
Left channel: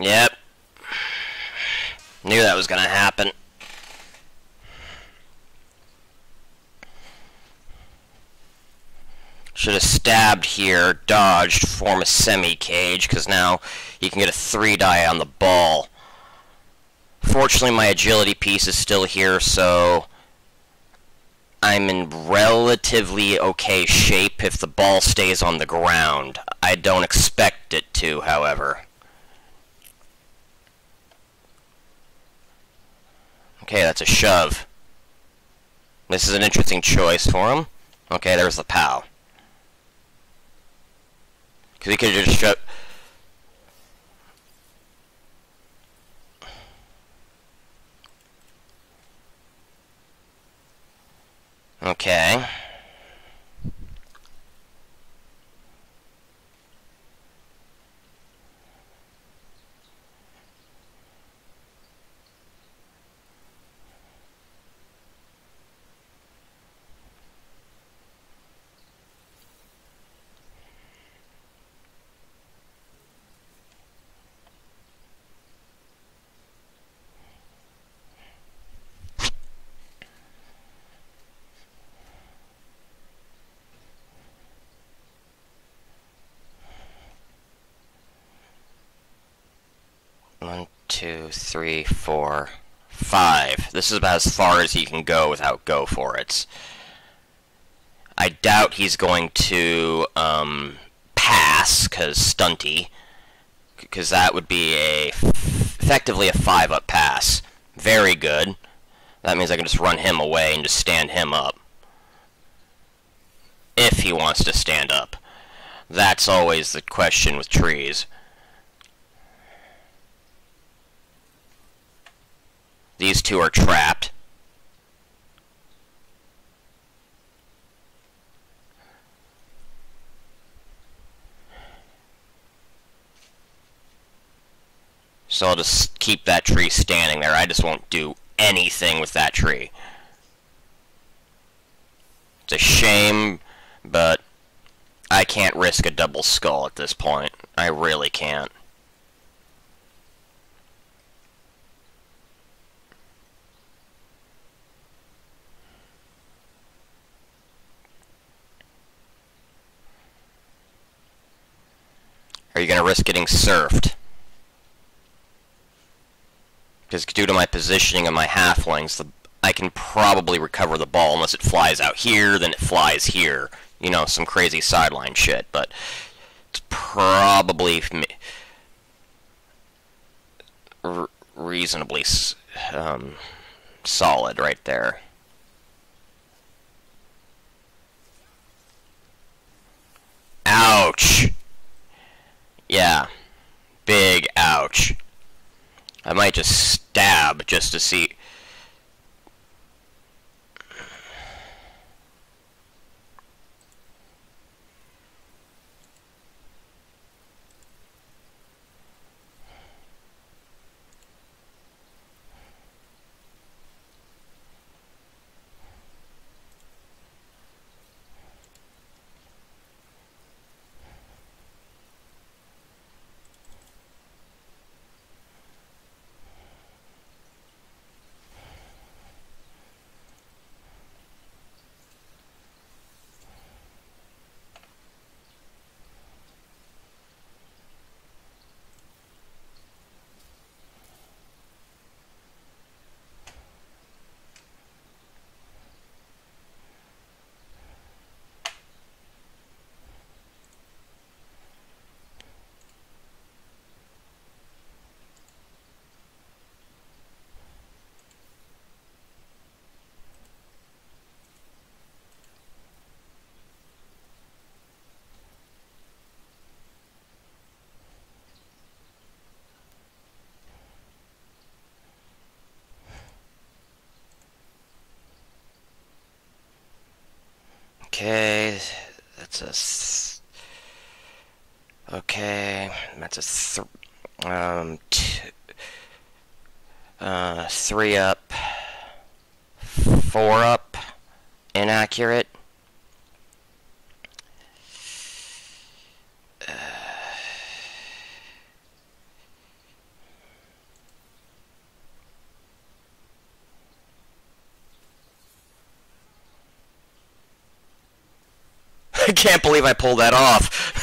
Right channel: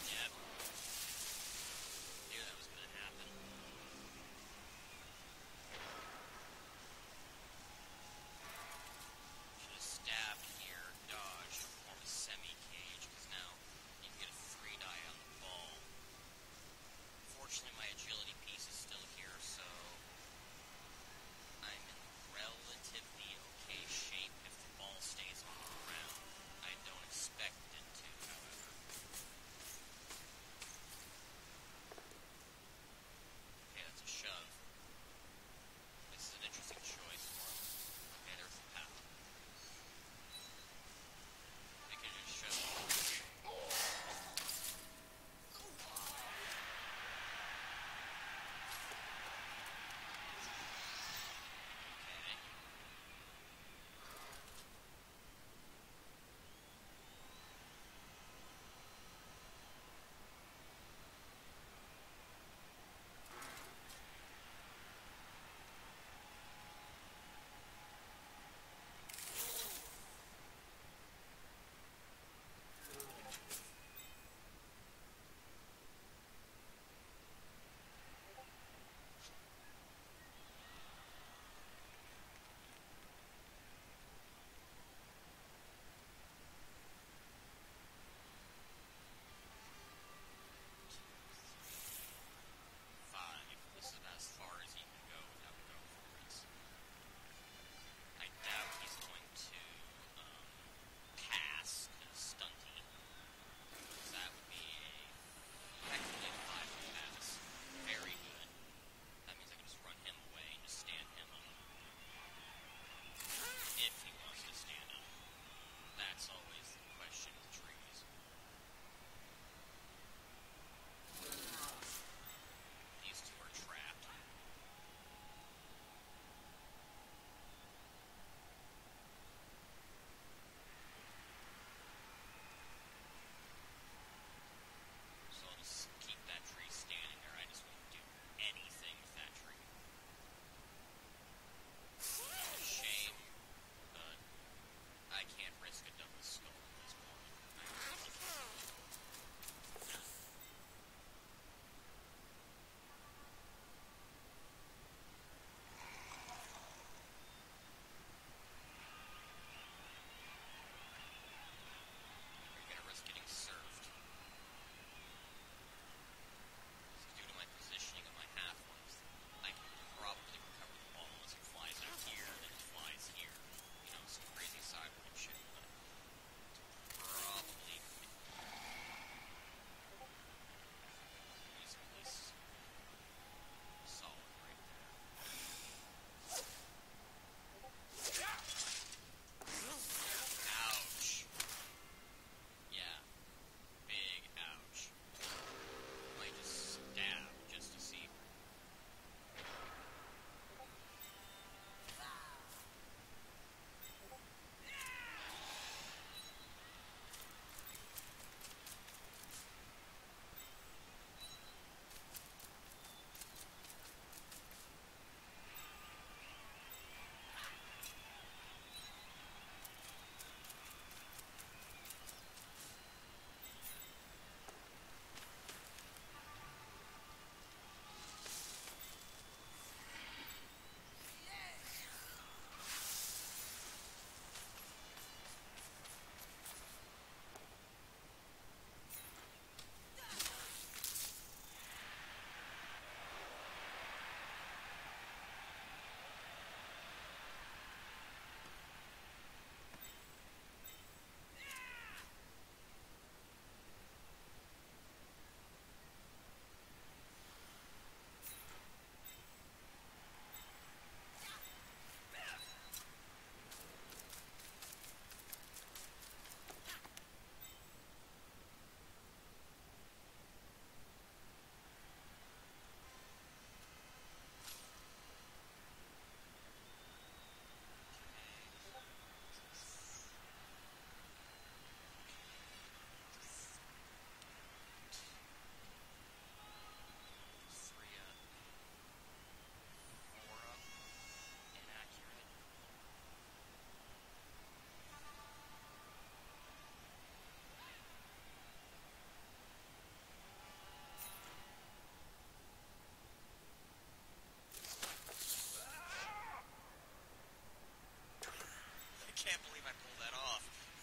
Yep. Knew that was gonna happen. Should have stabbed here, dodged, form a semi-cage, because now you can get a 3 die on the ball. Fortunately, my agility piece is still here, so I'm in relatively okay shape if the ball stays on the ground. I don't expect it to, however. Okay, that's a shove. This is an interesting choice for him. Okay, there's the POW. Because he could have just shoved... Okay. One, two, three, four, 5. This is about as far as he can go without go for it. I doubt he's going to pass, because stunty, because that would be effectively a 5-up pass. Very good. That means I can just run him away and just stand him up. If he wants to stand up. That's always the question with trees. These two are trapped. So I'll just keep that tree standing there. I just won't do anything with that tree. It's a shame, but I can't risk a double skull at this point. I really can't. Are you going to risk getting surfed? Because due to my positioning of my halflings, I can probably recover the ball unless it flies out here, then it flies here. You know, some crazy sideline shit, but it's probably reasonably solid right there. Ouch! Yeah. Big ouch. I might just stab just to see. Okay, that's a okay. That's a 3 up, 4 up, inaccurate. I can't believe I pulled that off.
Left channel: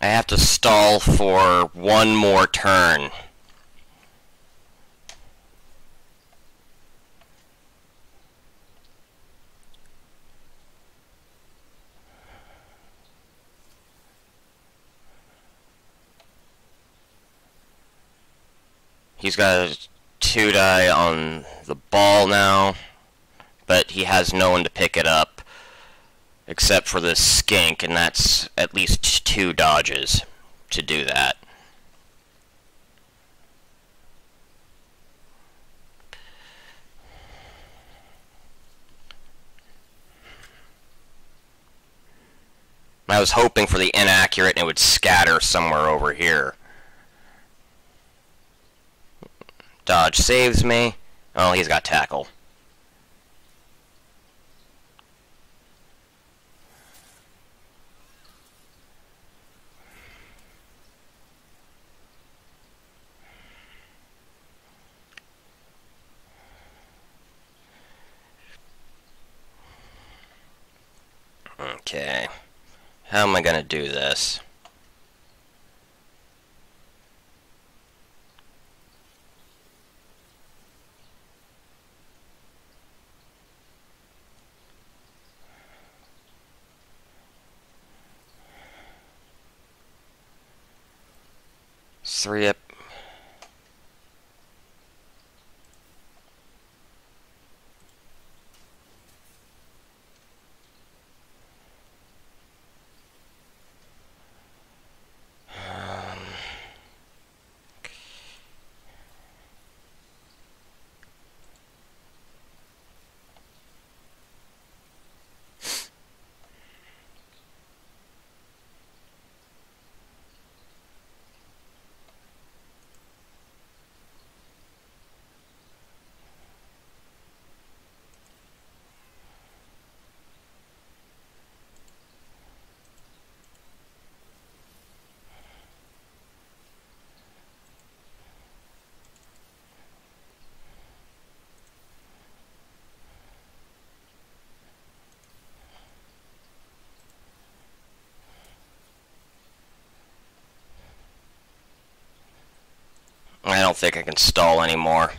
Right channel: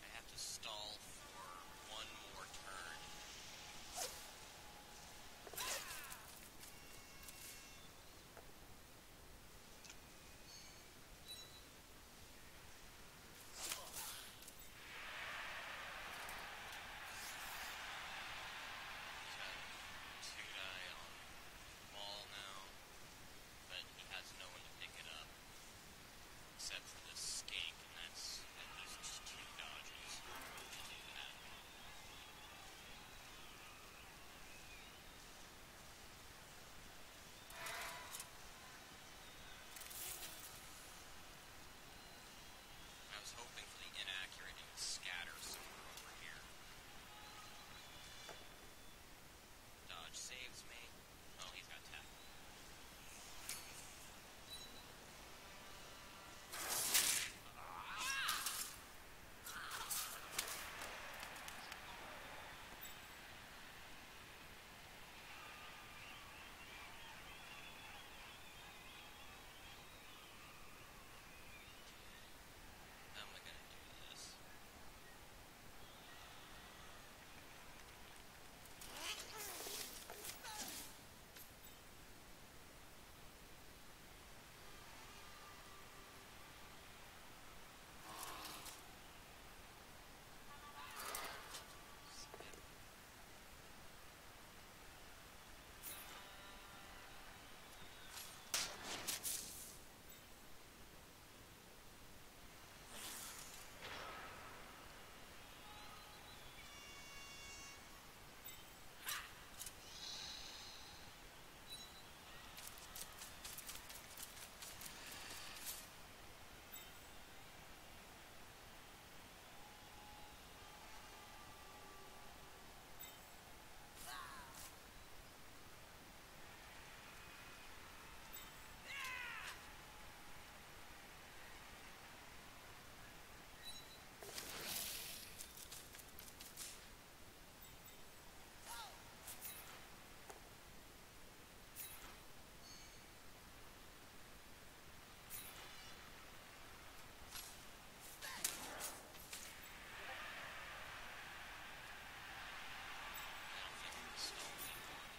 I have to stall for one more turn. He's got a 2-die on the ball now, but he has no one to pick it up except for this skink, and that's at least 2 dodges to do that. I was hoping for the inaccurate and it would scatter somewhere over here. Dodge saves me. Oh, he's got tackle. Okay. How am I gonna do this? Three up. think I can stall anymore.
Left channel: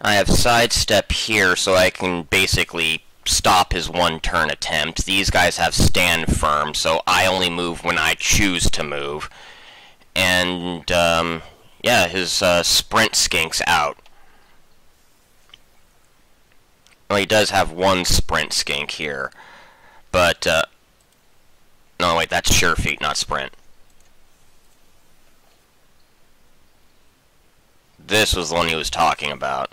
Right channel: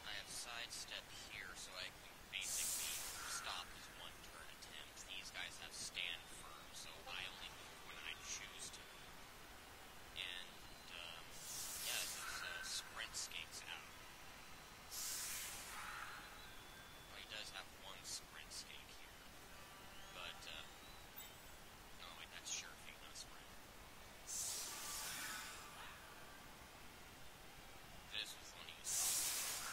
I have sidestep here so I can basically stop his one-turn attempt. These guys have stand firm, so I only move when I choose to move. And, yeah, his sprint skink's out. Well, he does have one sprint skink here. But, no, wait, that's sure feet, not sprint. This was the one he was talking about.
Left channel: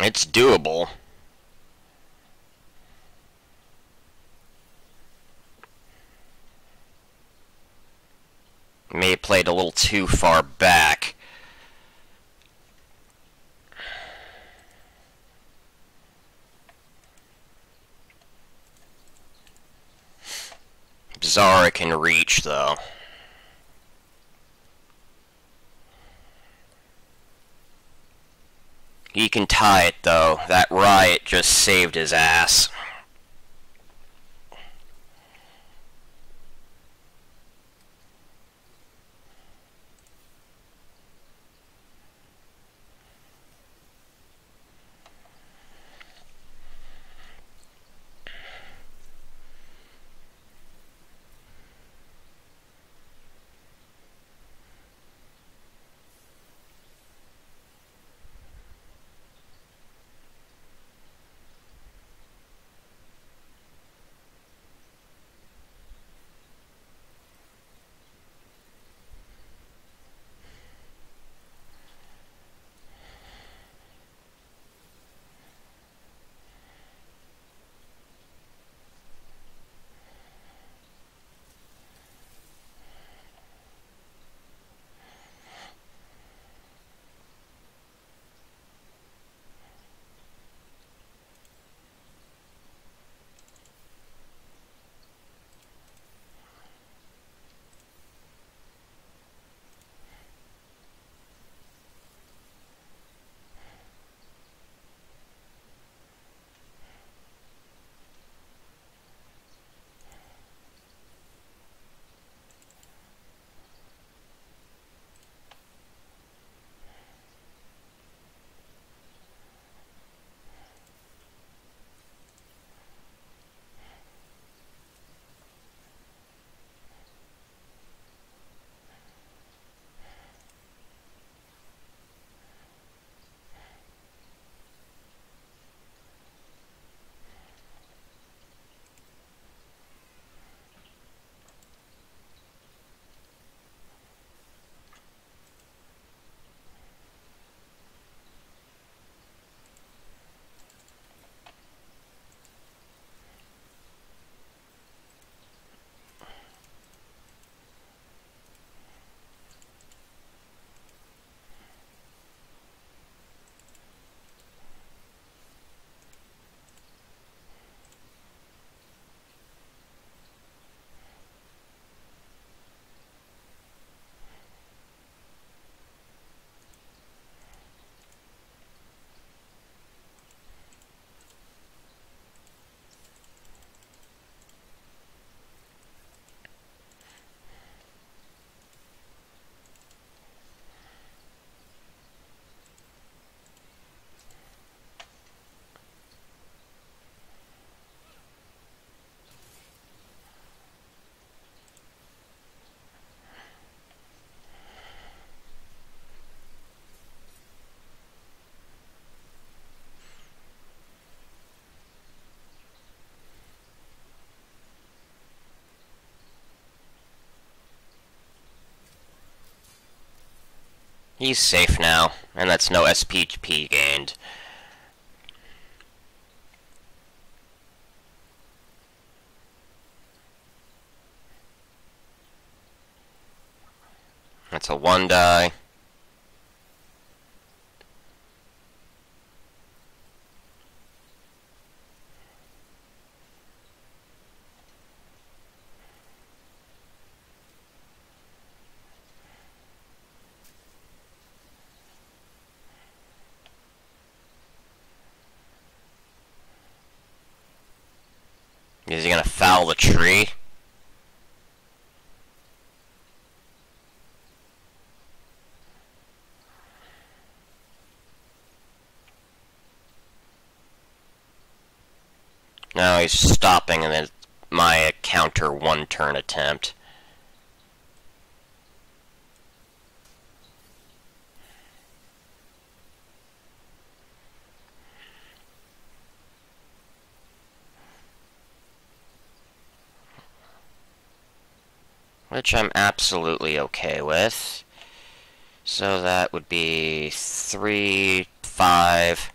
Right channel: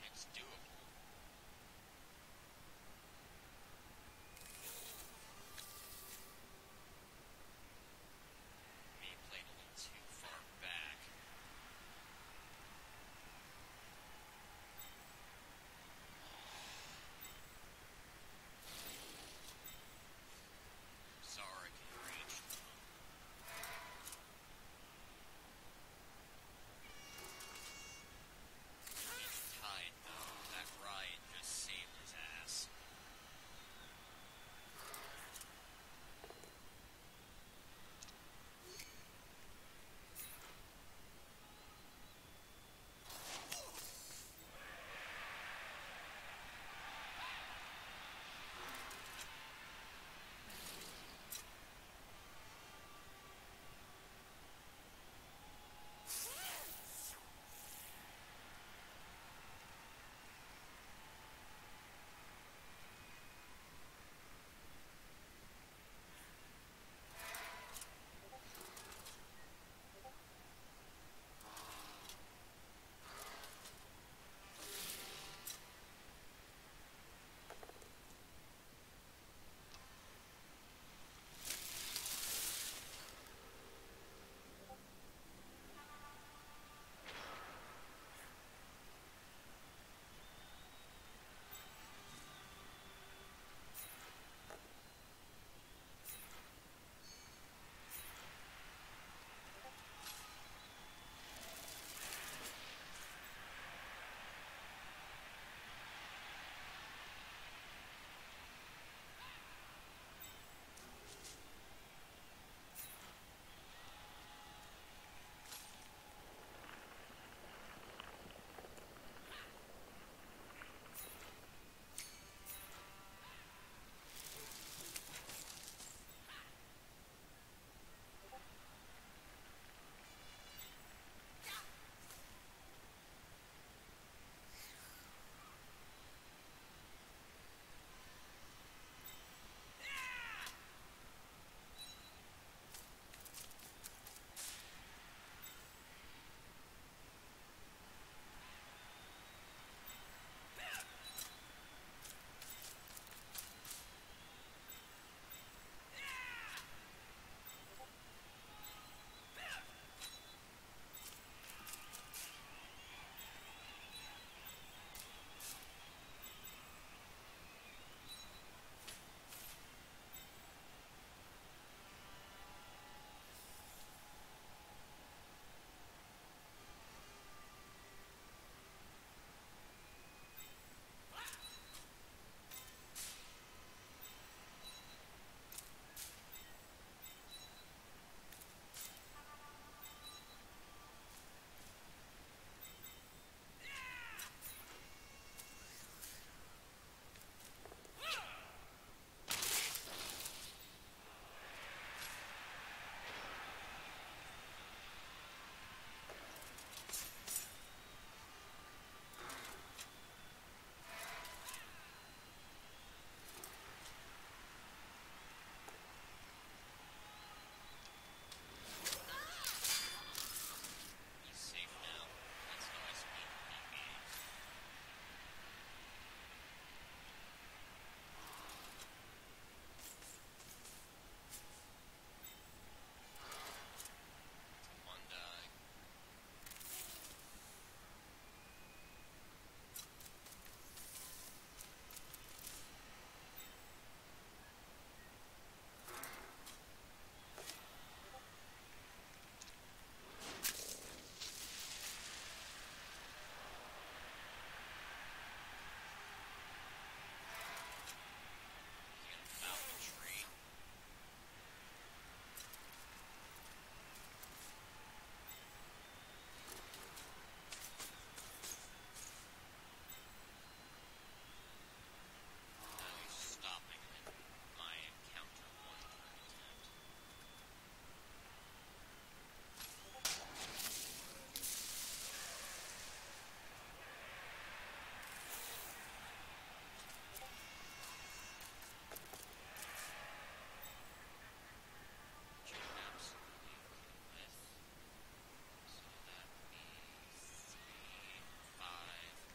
It's doable. May have played a little too far back. Zara can reach, though. He can tie it, though. That riot just saved his ass. He's safe now, and that's no SPP gained. That's a 1 die. Is he gonna foul the tree? No, he's stopping, and then my counter 1-turn attempt. Which I'm absolutely okay with. So that would be 3, 5.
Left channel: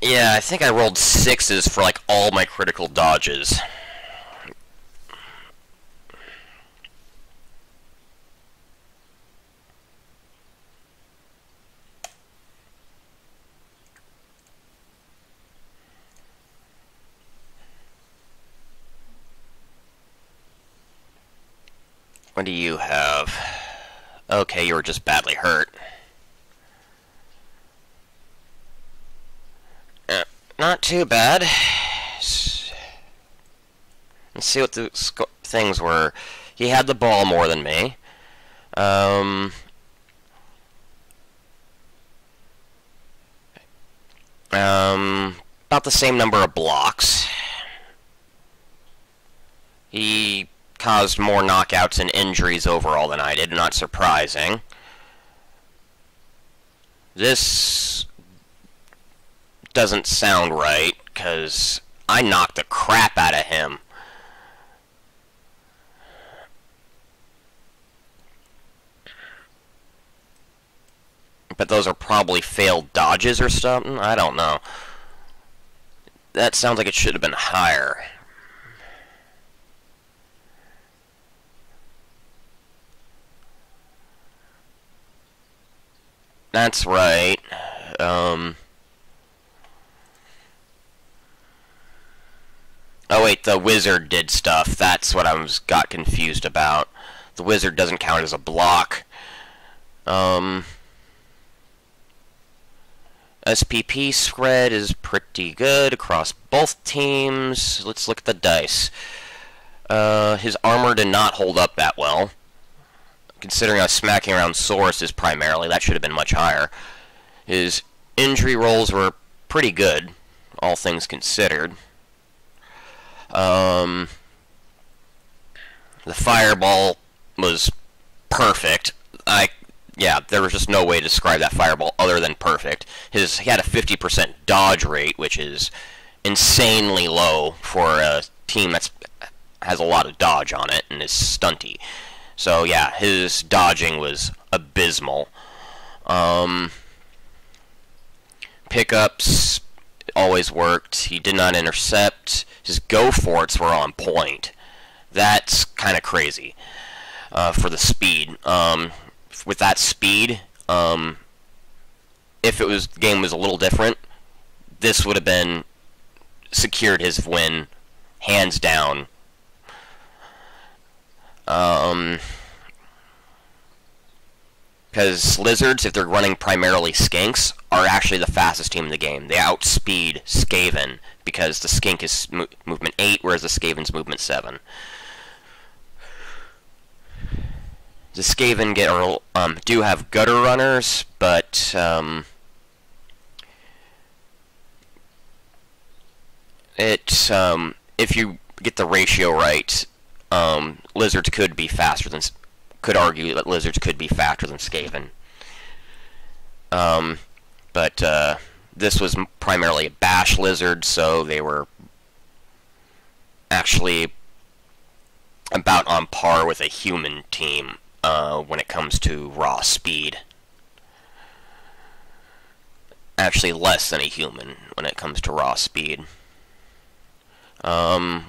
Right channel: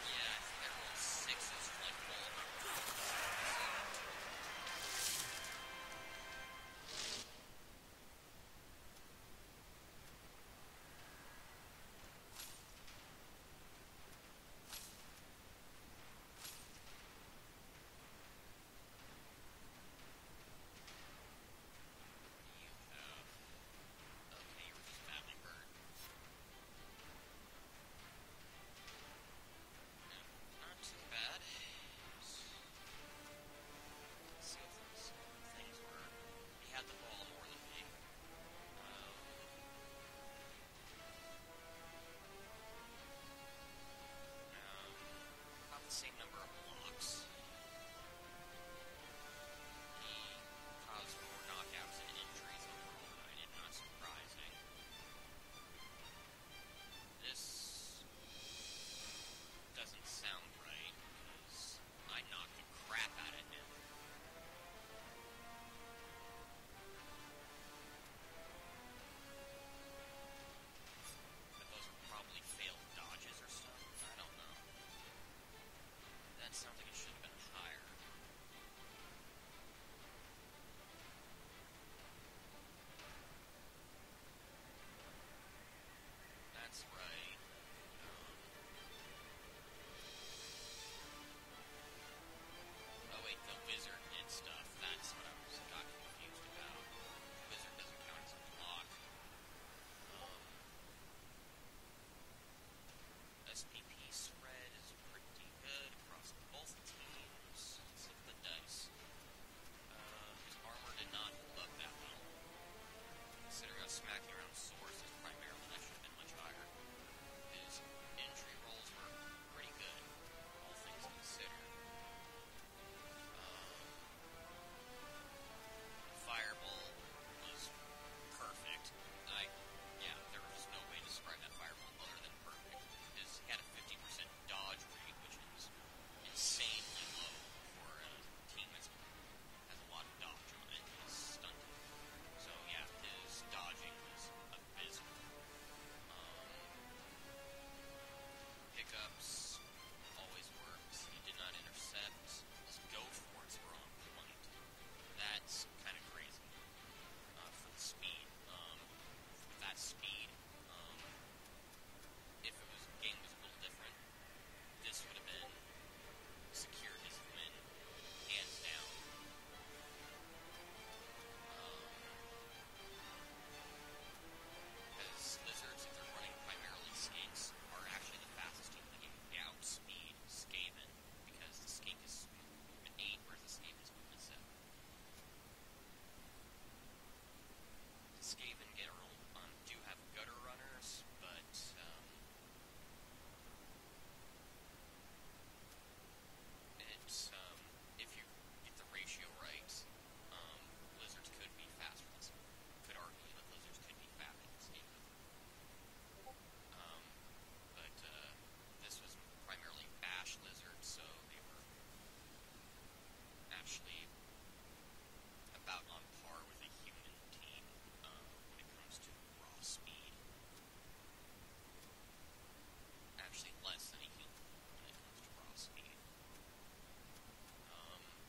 Yeah, I think I rolled 6s for like all my critical dodges. What do you have? Okay, you were just badly hurt. Not too bad. Let's see what the things were. He had the ball more than me. About the same number of blocks. He caused more knockouts and injuries overall than I did, not surprising. This doesn't sound right, because I knocked the crap out of him. But those are probably failed dodges or something? I don't know. That sounds like it should have been higher. That's right. Oh wait, the wizard did stuff. That's what got confused about. The wizard doesn't count as a block. SPP spread is pretty good across both teams. Let's look at the dice. His armor did not hold up that well. Considering I was smacking around sources primarily, that should have been much higher. His injury rolls were pretty good, all things considered. The fireball was perfect. Yeah, there was just no way to describe that fireball other than perfect. He had a 50% dodge rate, which is insanely low for a team that has a lot of dodge on it and is stunty. So yeah, his dodging was abysmal. Pickups always worked. He did not intercept. His go-forts were on point. That's kind of crazy for the speed. With that speed, if the game was a little different, this would have been secured his win, hands down. Because lizards, if they're running primarily skinks, are actually the fastest team in the game. They outspeed Skaven, because the skink is movement 8, whereas the Skaven's movement 7. The Skaven do have gutter runners, but if you get the ratio right, lizards could be faster than. Could argue that lizards could be faster than Skaven. But this was primarily a bash lizard, so they were actually about on par with a human team when it comes to raw speed. Actually less than a human when it comes to raw speed.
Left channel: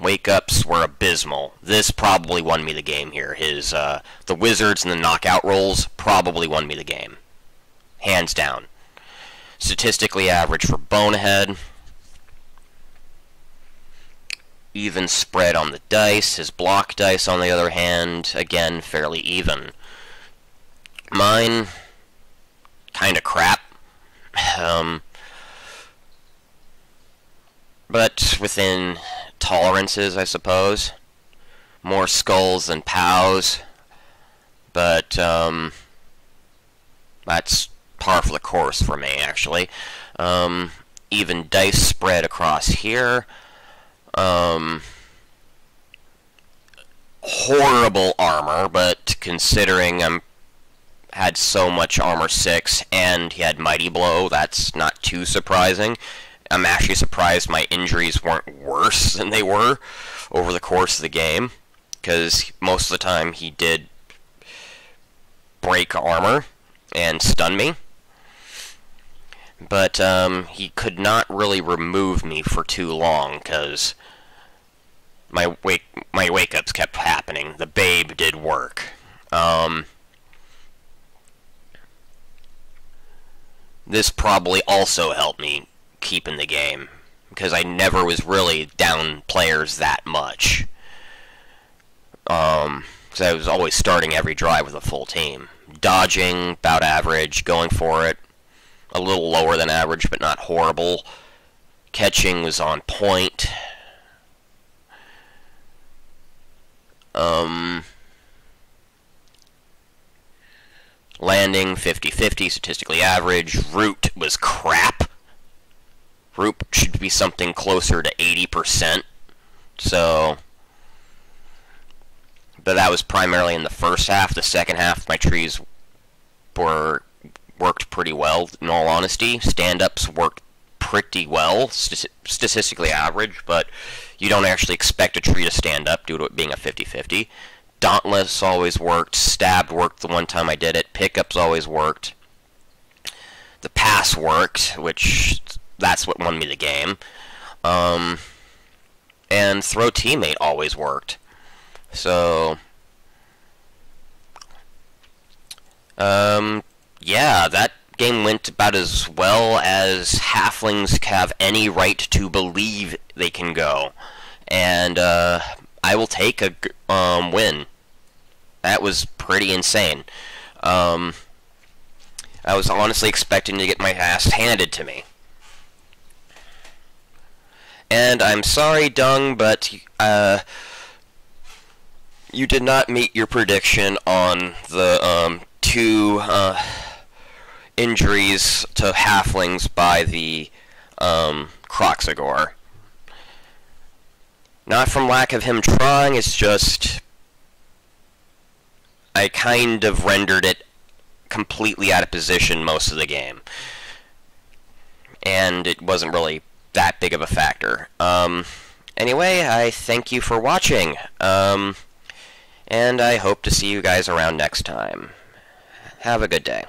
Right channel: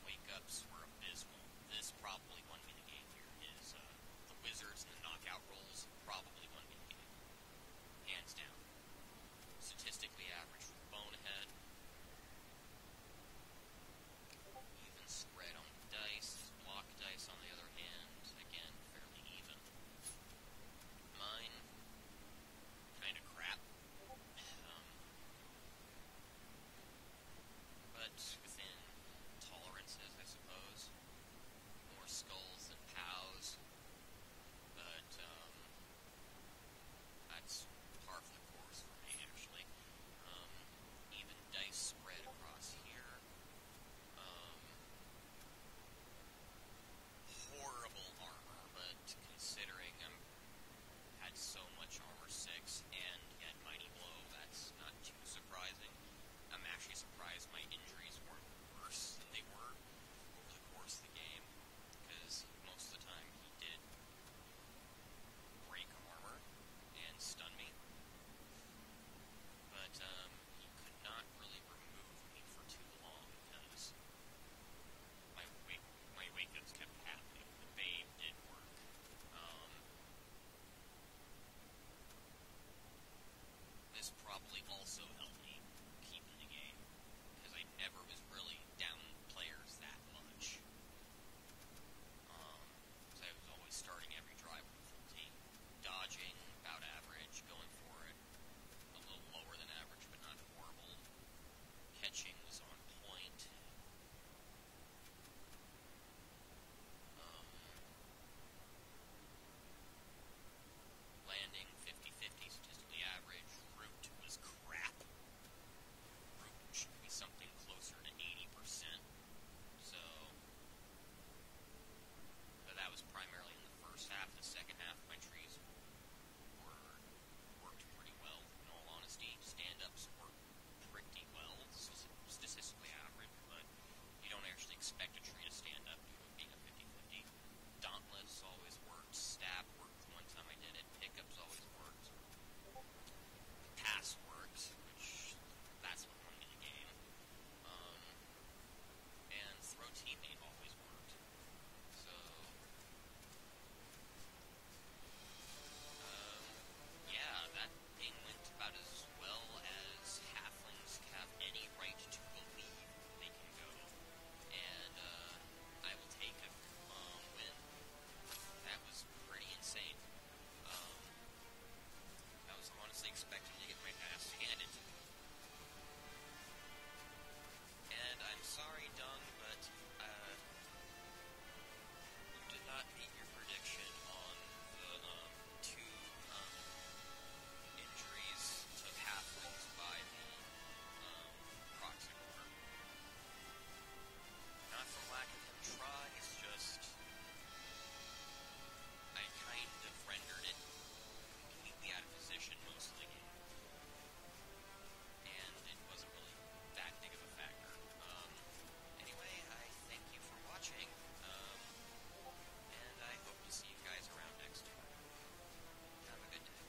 Wake-ups were abysmal. This probably won me the game here. The wizards and the knockout rolls probably won me the game. Hands down. Statistically average for Bonehead. Even spread on the dice. His block dice, on the other hand, again, fairly even. Mine, kinda crap. But within tolerances, I suppose. More skulls than pows, but that's par for the course for me, actually. Even dice spread across here. Horrible armor, but considering had so much armor 6 and he had Mighty Blow, that's not too surprising. I'm actually surprised my injuries weren't worse than they were over the course of the game, because most of the time he did break armor and stun me. But he could not really remove me for too long, because my wake-ups kept happening. The Babe did work. This probably also helped me keep in the game, because I never was really down players that much. Because I was always starting every drive with a full team. Dodging, about average. Going for it, a little lower than average, but not horrible. Catching was on point. Landing, 50-50, statistically average. Root was crap. Root should be something closer to 80%. So, but that was primarily in the first half. The second half, my trees worked pretty well, in all honesty. Stand-ups worked pretty well, statistically average, but you don't actually expect a tree to stand up due to it being a 50-50. Dauntless always worked. Stabbed worked the one time I did it. Pickups always worked. The pass worked, which that's what won me the game. And throw teammate always worked. So, yeah, that game went about as well as halflings have any right to believe they can go. And I will take a win. That was pretty insane. I was honestly expecting to get my ass handed to me. And I'm sorry, Dung, but you did not meet your prediction on the 2 injuries to halflings by the Croxagore. Not from lack of him trying, it's just I kind of rendered it completely out of position most of the game. And it wasn't really that big of a factor. Anyway, I thank you for watching. And I hope to see you guys around next time. Have a good day.